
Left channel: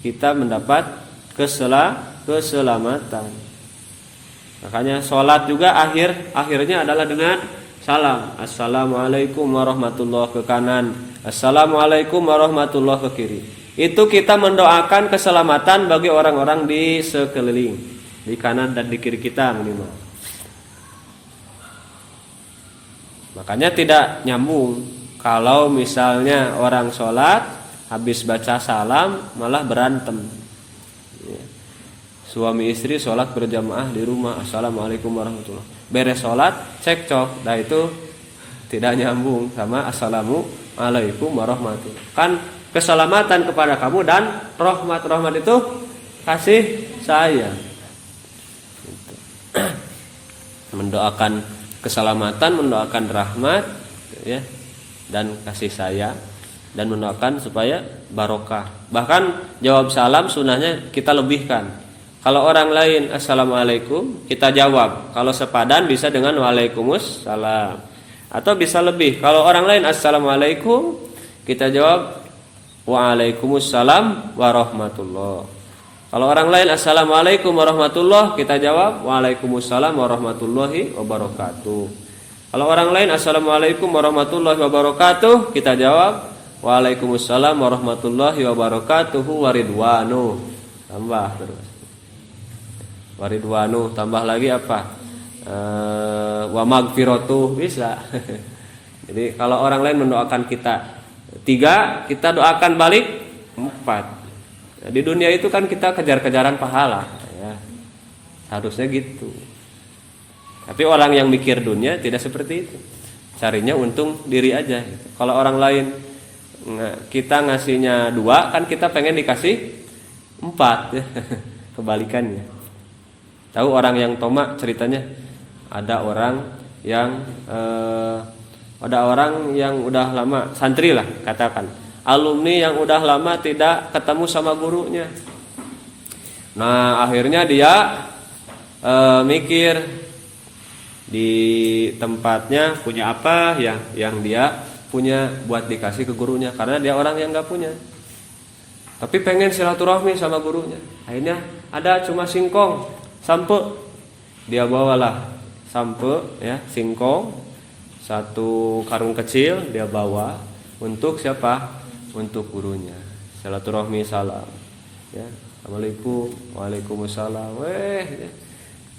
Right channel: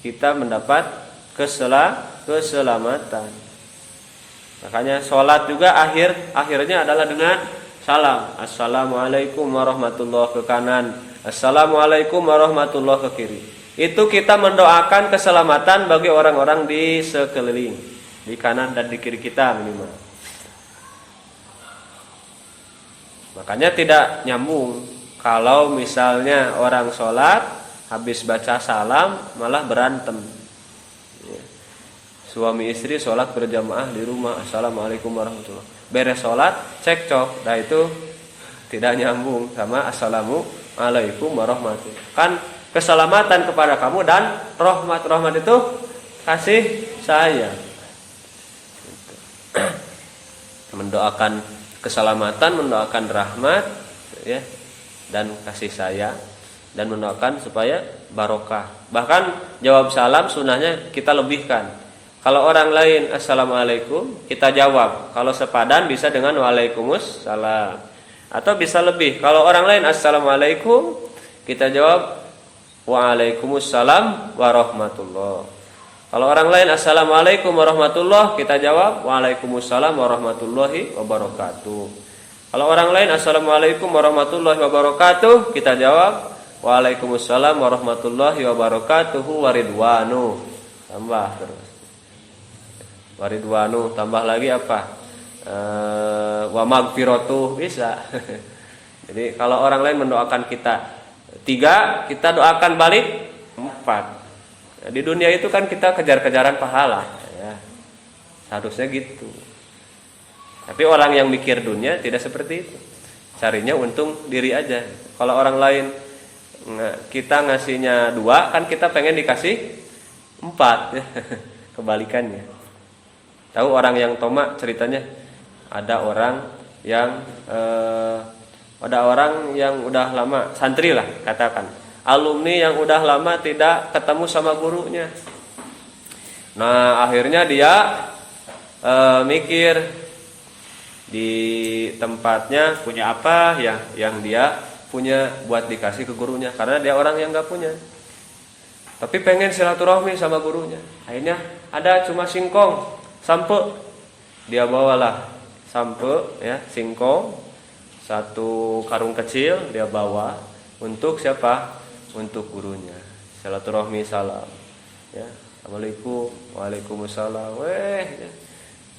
Kita mendapat keselamatan. Makanya sholat juga akhirnya adalah dengan salam. Assalamualaikum warahmatullahi ke kanan. Assalamualaikum warahmatullahi ke kiri. Itu kita mendoakan keselamatan bagi orang-orang di sekeliling, di kanan dan di kiri kita minimal. Makanya tidak nyambung kalau misalnya orang sholat habis baca salam malah berantem. Ya. Suami istri sholat berjamaah di rumah, assalamualaikum warahmatullahi. Beres sholat cekcok, nah itu tidak nyambung sama assalamualaikum warahmatullahi. Kan keselamatan kepada kamu dan rahmat itu kasih sayang. Mendoakan keselamatan, mendoakan rahmat ya, dan kasih sayang, dan mendoakan supaya barokah. Bahkan jawab salam sunahnya kita lebihkan. Kalau orang lain assalamualaikum kita jawab, kalau sepadan bisa dengan waalaikumsalam, atau bisa lebih. Kalau orang lain assalamualaikum kita jawab waalaikumsalam warahmatullah. Kalau orang lain assalamualaikum warahmatullah kita jawab waalaikumsalam warahmatullahi wabarakatuh. Kalau orang lain assalamualaikum warahmatullahi wabarakatuh kita jawab waalaikumsalam warahmatullahi wabarakatuh waridwanu. Tambah terus waridwanu, tambah lagi apa? Wa magfiratuh bisa. Jadi kalau orang lain mendoakan kita 3, kita doakan balik 4. Di dunia itu kan kita kejar-kejaran pahala ya. Harusnya gitu. Tapi orang yang mikir dunia tidak seperti itu. Carinya untung diri aja. Kalau orang lain kita ngasihnya 2, kan kita pengen dikasih 4 ya. Kebalikannya. Tahu orang yang tomak ceritanya? Ada orang yang udah lama santri lah katakan, alumni yang udah lama tidak ketemu sama gurunya. Nah akhirnya dia mikir di tempatnya punya apa ya yang dia punya buat dikasih ke gurunya, karena dia orang yang nggak punya. Tapi pengen silaturahmi sama gurunya. Akhirnya ada cuma singkong, sampe. Dia bawalah sampe ya, singkong, satu karung kecil dia bawa untuk siapa? Untuk gurunya. Silaturahmi salam. Ya, assalamualaikum, waalaikumsalam.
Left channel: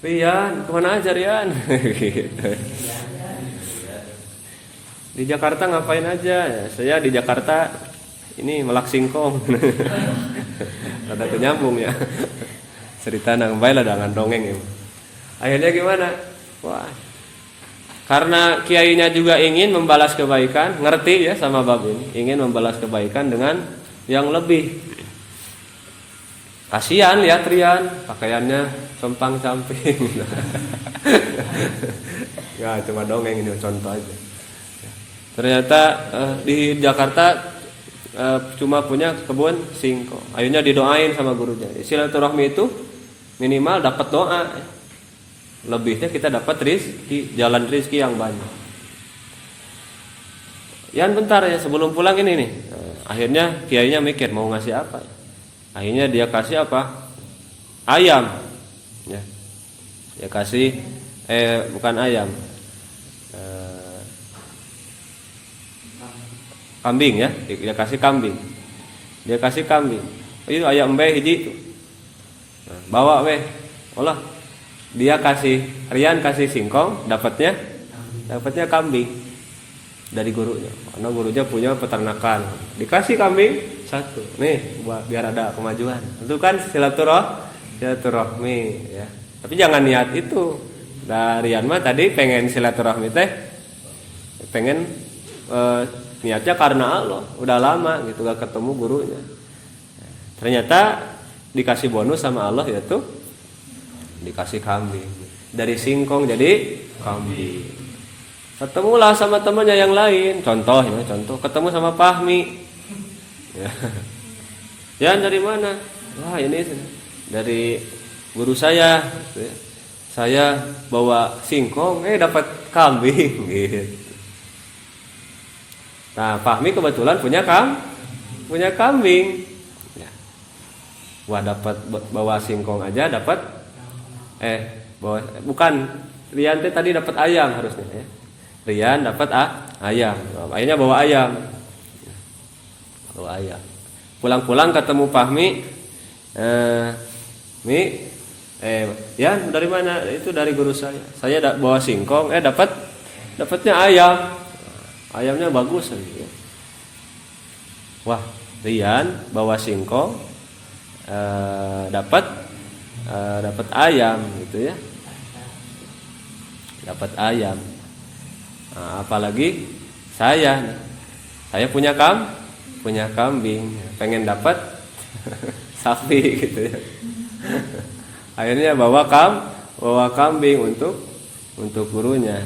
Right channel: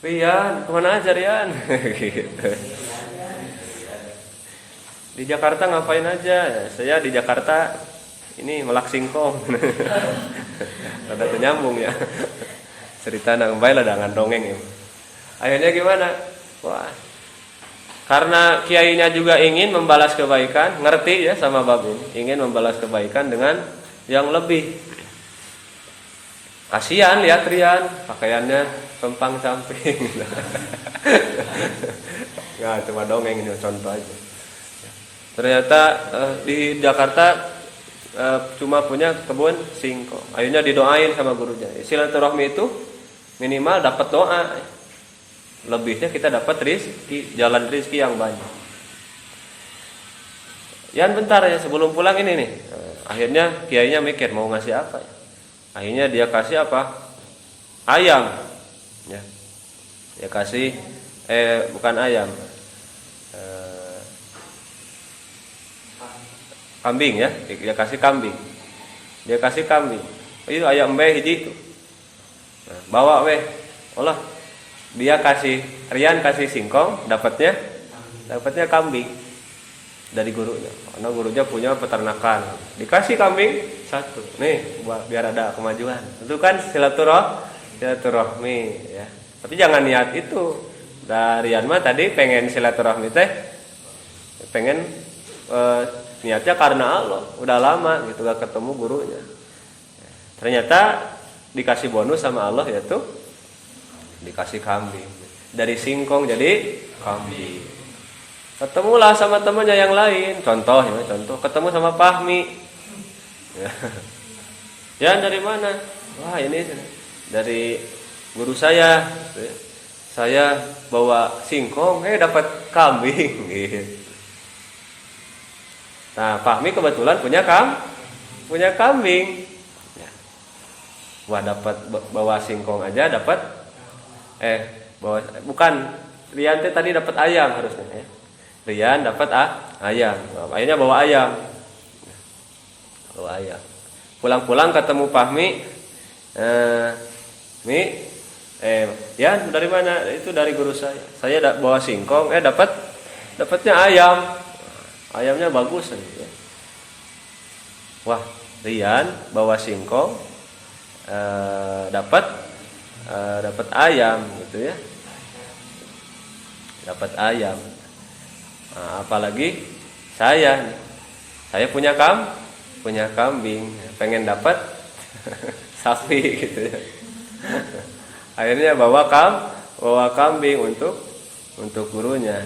Rian, kemana aja Rian? Di Jakarta ngapain aja? Saya di Jakarta ini melak singkong. Ada penyambung ya. Cerita nang bae lah dengan dongeng ini. Akhirnya gimana? Wah. Karena kiainya juga ingin membalas kebaikan, ngerti ya sama Babin, ingin membalas kebaikan dengan yang lebih. Kasihan lihat Rian, pakaiannya sempang-camping. Ya, cuma dongeng ini contoh aja. Ternyata di Jakarta cuma punya kebun singkong. Akhirnya didoain sama gurunya. Silaturahmi itu minimal dapat doa. Lebihnya kita dapat rezeki, jalan rezeki yang banyak. Yan bentar ya sebelum pulang ini nih. Akhirnya kiainya mikir mau ngasih apa. Akhirnya dia kasih apa? Ayam. Ya. Dia kasih bukan ayam. Kambing ya, dia kasih kambing. Dia kasih kambing. Itu ayam mbeh hiji itu. Nah, bawa weh. Olah. Dia kasih Rian kasih singkong, dapatnya kambing dari gurunya. Karena gurunya punya peternakan. Dikasih kambing satu. Nih, biar ada kemajuan. Itu kan silaturahmi ya. Tapi jangan niat itu. Rian mah tadi pengen silaturahmi teh pengen niatnya karena Allah, udah lama gitu gak ketemu gurunya. Ternyata dikasih bonus sama Allah yaitu dikasih kambing. Dari singkong jadi kambing. Ketemulah sama temannya yang lain. Contoh ketemu sama Fahmi. Ya dari mana? Wah ini dari guru saya. Saya bawa singkong, dapat kambing. Gitu. Nah, Fahmi kebetulan punya kambing. Wah, dapat bawa singkong aja dapat bukan Rian tadi dapat ayam harusnya. Rian dapat ayam. Akhirnya bawa ayam. Pulang-pulang ketemu Fahmi. Yan dari mana? Itu dari guru saya. Saya bawa singkong, dapatnya ayam. Ayamnya bagus ya. Wah, Rian bawa singkong dapat ayam gitu ya. Dapat ayam. Nah, apalagi saya punya kambing, pengen dapat sapi gitu ya. Akhirnya bawa kambing untuk gurunya.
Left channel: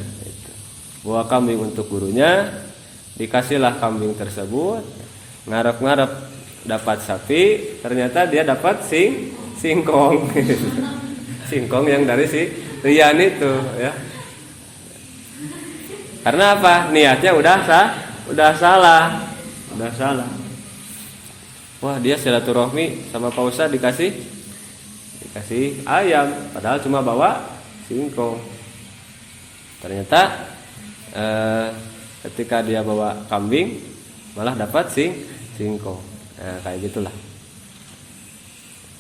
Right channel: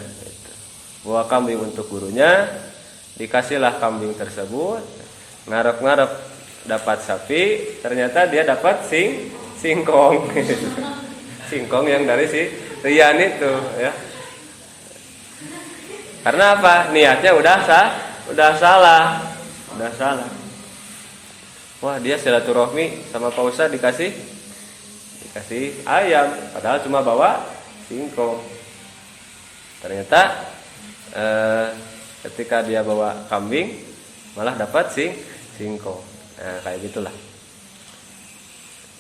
Bawa kambing untuk gurunya, dikasihlah kambing tersebut, ngarep-ngarep dapat sapi, ternyata dia dapat singkong. Singkong yang dari si Rian itu ya. Karena apa? Niatnya udah salah. Wah, dia silaturahmi sama Pak Ustadz dikasih ayam, padahal cuma bawa singkong. Ternyata ketika dia bawa kambing malah dapat singkong. Nah, kayak gitulah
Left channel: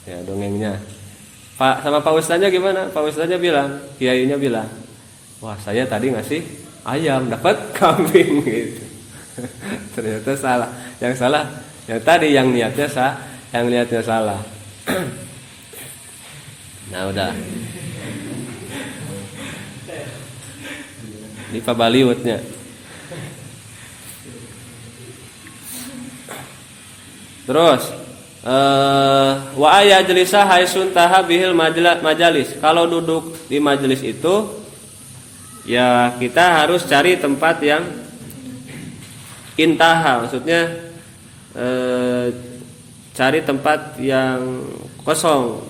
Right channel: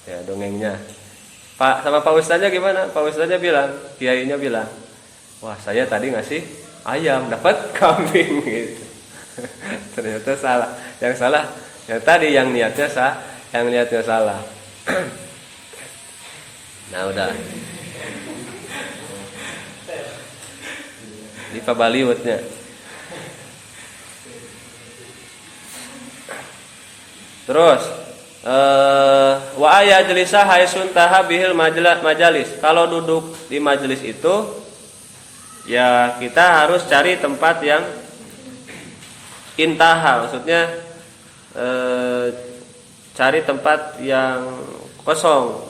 ya dongengnya. Sama Pak Ustadznya gimana? Pak Ustadznya bilang, kiainya bilang, wah saya tadi ngasih ayam dapat kambing gitu. Ternyata salah. Yang salah yang tadi yang niatnya salah. Nah udah di Pabaliutnya. Terus wa ayajlisa haisun taha bihil majalis. Kalau duduk di majelis itu ya kita harus cari tempat yang intaha, maksudnya cari tempat yang kosong.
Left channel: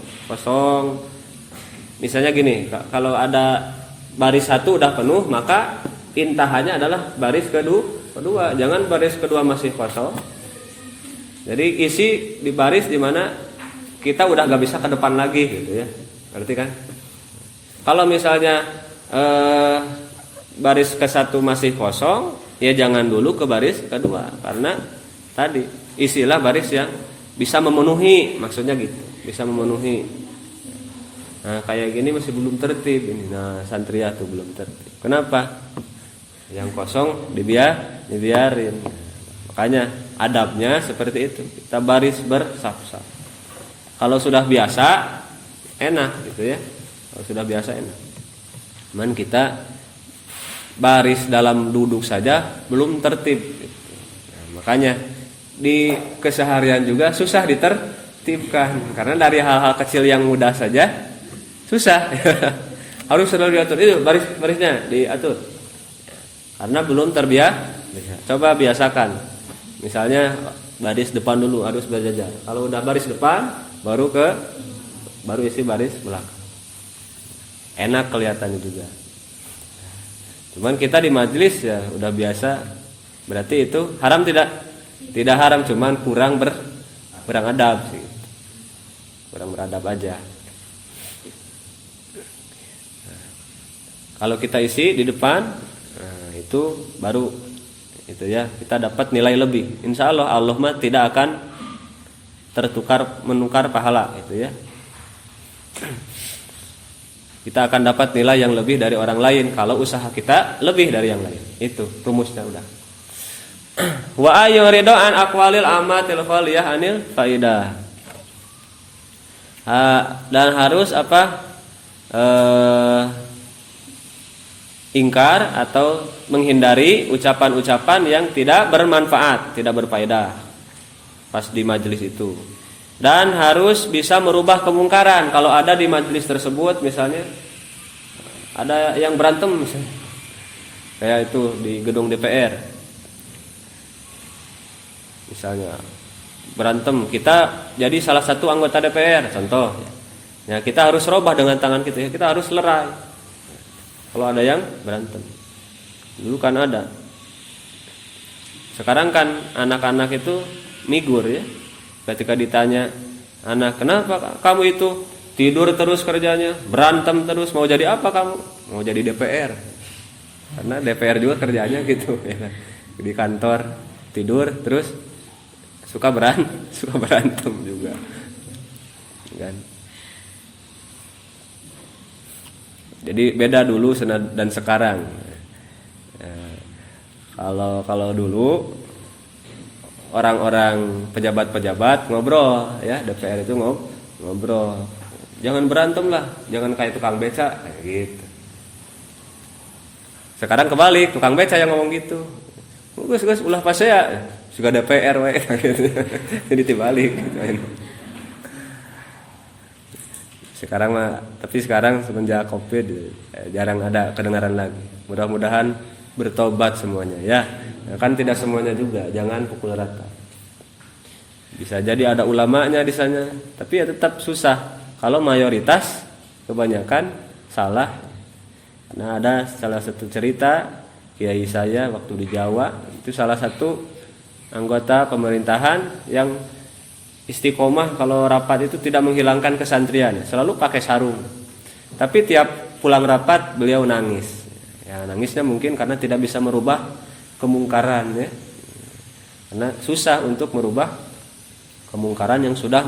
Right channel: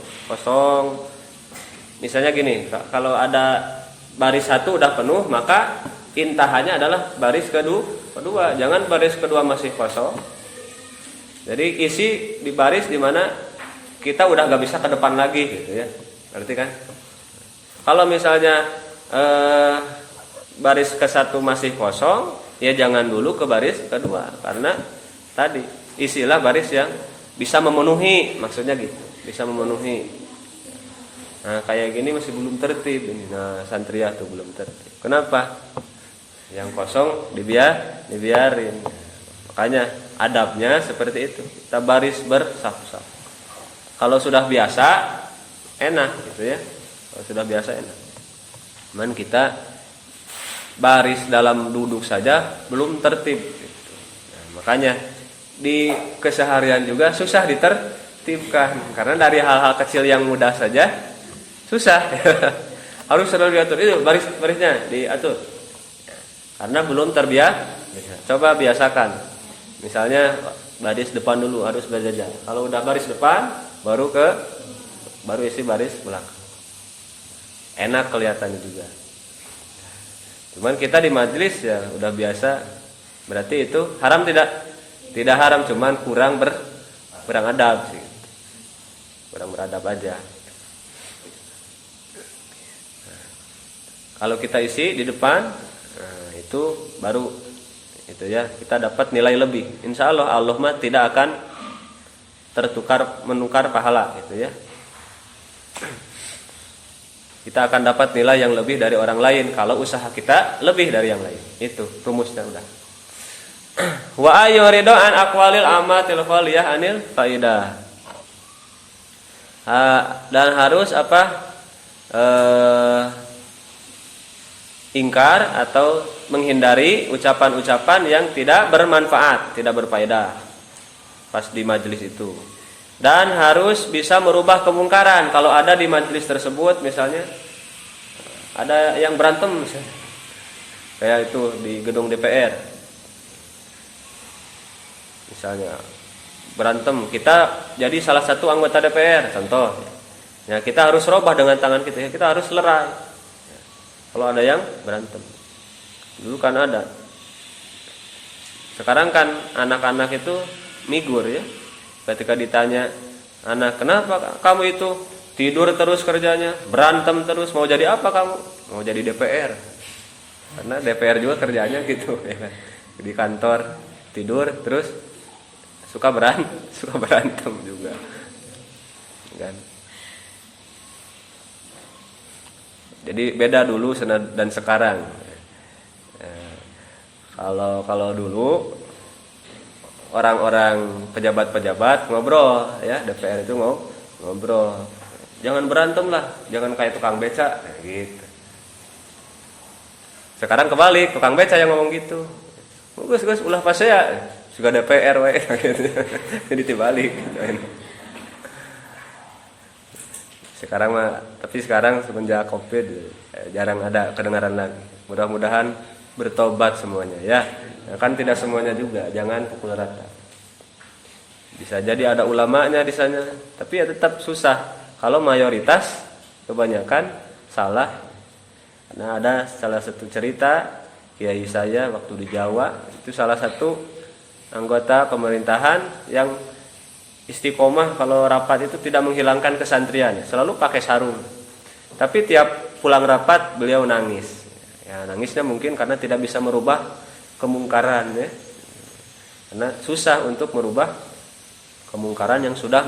Misalnya gini, kalau ada baris satu udah penuh, maka intahanya adalah baris kedua. Jangan baris kedua masih kosong. Jadi isi di baris di mana kita udah gak bisa ke depan lagi gitu ya. Ngerti kan? Kalau misalnya baris ke satu masih kosong, ya jangan dulu ke baris kedua, karena tadi isilah baris yang bisa memenuhi, maksudnya gitu, bisa memenuhi. Nah kayak gini masih belum tertib ini. Nah santriah tuh belum tertib. Kenapa? Yang kosong dibiarin. Makanya adabnya seperti itu, kita baris bersaf-saf. Kalau sudah biasa enak gitu ya, kalau sudah biasa enak. Cuman kita baris dalam duduk saja belum tertib gitu. Nah, makanya di keseharian juga susah ditertibkan, karena dari hal-hal kecil yang mudah saja susah. Harus selalu diatur. Barisnya diatur, karena belum terbiasa. Coba biasakan, misalnya baris depan dulu harus berjajar. Kalau udah baris depan baru isi baris belakang, enak kelihatannya juga. Cuman kita di majelis ya udah biasa, berarti itu haram tidak haram, cuman kurang adab sih, kurang beradab aja. Kalau kita isi di depan, nah itu baru itu ya kita dapat nilai lebih. Insya Allah Allah mah tidak akan menukar pahala itu ya. Kita akan dapat nilai yang lebih dari orang lain kalau usaha kita lebih dari yang lain. Itu rumusnya udah. Wa ayuridu an aqwalil amatil ghaliyah anil faidah. Dan harus ingkar atau menghindari ucapan-ucapan yang tidak bermanfaat, tidak berfaedah pas di majelis itu. Dan harus bisa merubah kemungkaran. Kalau ada di majelis tersebut misalnya ada yang berantem misalnya, kayak itu di gedung DPR misalnya berantem, kita jadi salah satu anggota DPR contoh ya, kita harus rubah dengan tangan kita ya, kita harus lerai kalau ada yang berantem. Dulu kan ada, sekarang kan anak-anak itu migur ya. Ketika ditanya anak, kenapa kamu itu tidur terus kerjanya, berantem terus, mau jadi apa kamu? Mau jadi DPR. Karena DPR juga kerjanya gitu ya kan. Di kantor tidur terus suka berantem juga. Kan? Jadi beda dulu dan sekarang. Kalau dulu orang-orang pejabat-pejabat ngobrol ya, DPR itu ngobrol. Jangan berantem lah, jangan kayak tukang beca gitu. Sekarang kebalik, tukang beca yang ngomong gitu. Gus ulah pas ya, suka DPR we. Jadi dibalik. Sekarang mah, tapi sekarang semenjak Covid jarang ada kedengaran lagi. Mudah-mudahan bertobat semuanya ya. Ya kan tidak semuanya juga, jangan pukul rata. Bisa jadi ada ulamanya di sana, tapi ya tetap susah kalau mayoritas kebanyakan salah. Karena ada salah satu cerita kiai saya waktu di Jawa, itu salah satu anggota pemerintahan yang istiqomah kalau rapat itu tidak menghilangkan kesantrian, selalu pakai sarung. Tapi tiap pulang rapat beliau nangis. Ya, nangisnya mungkin karena tidak bisa merubah kemungkaran ya, karena susah untuk merubah kemungkaran yang sudah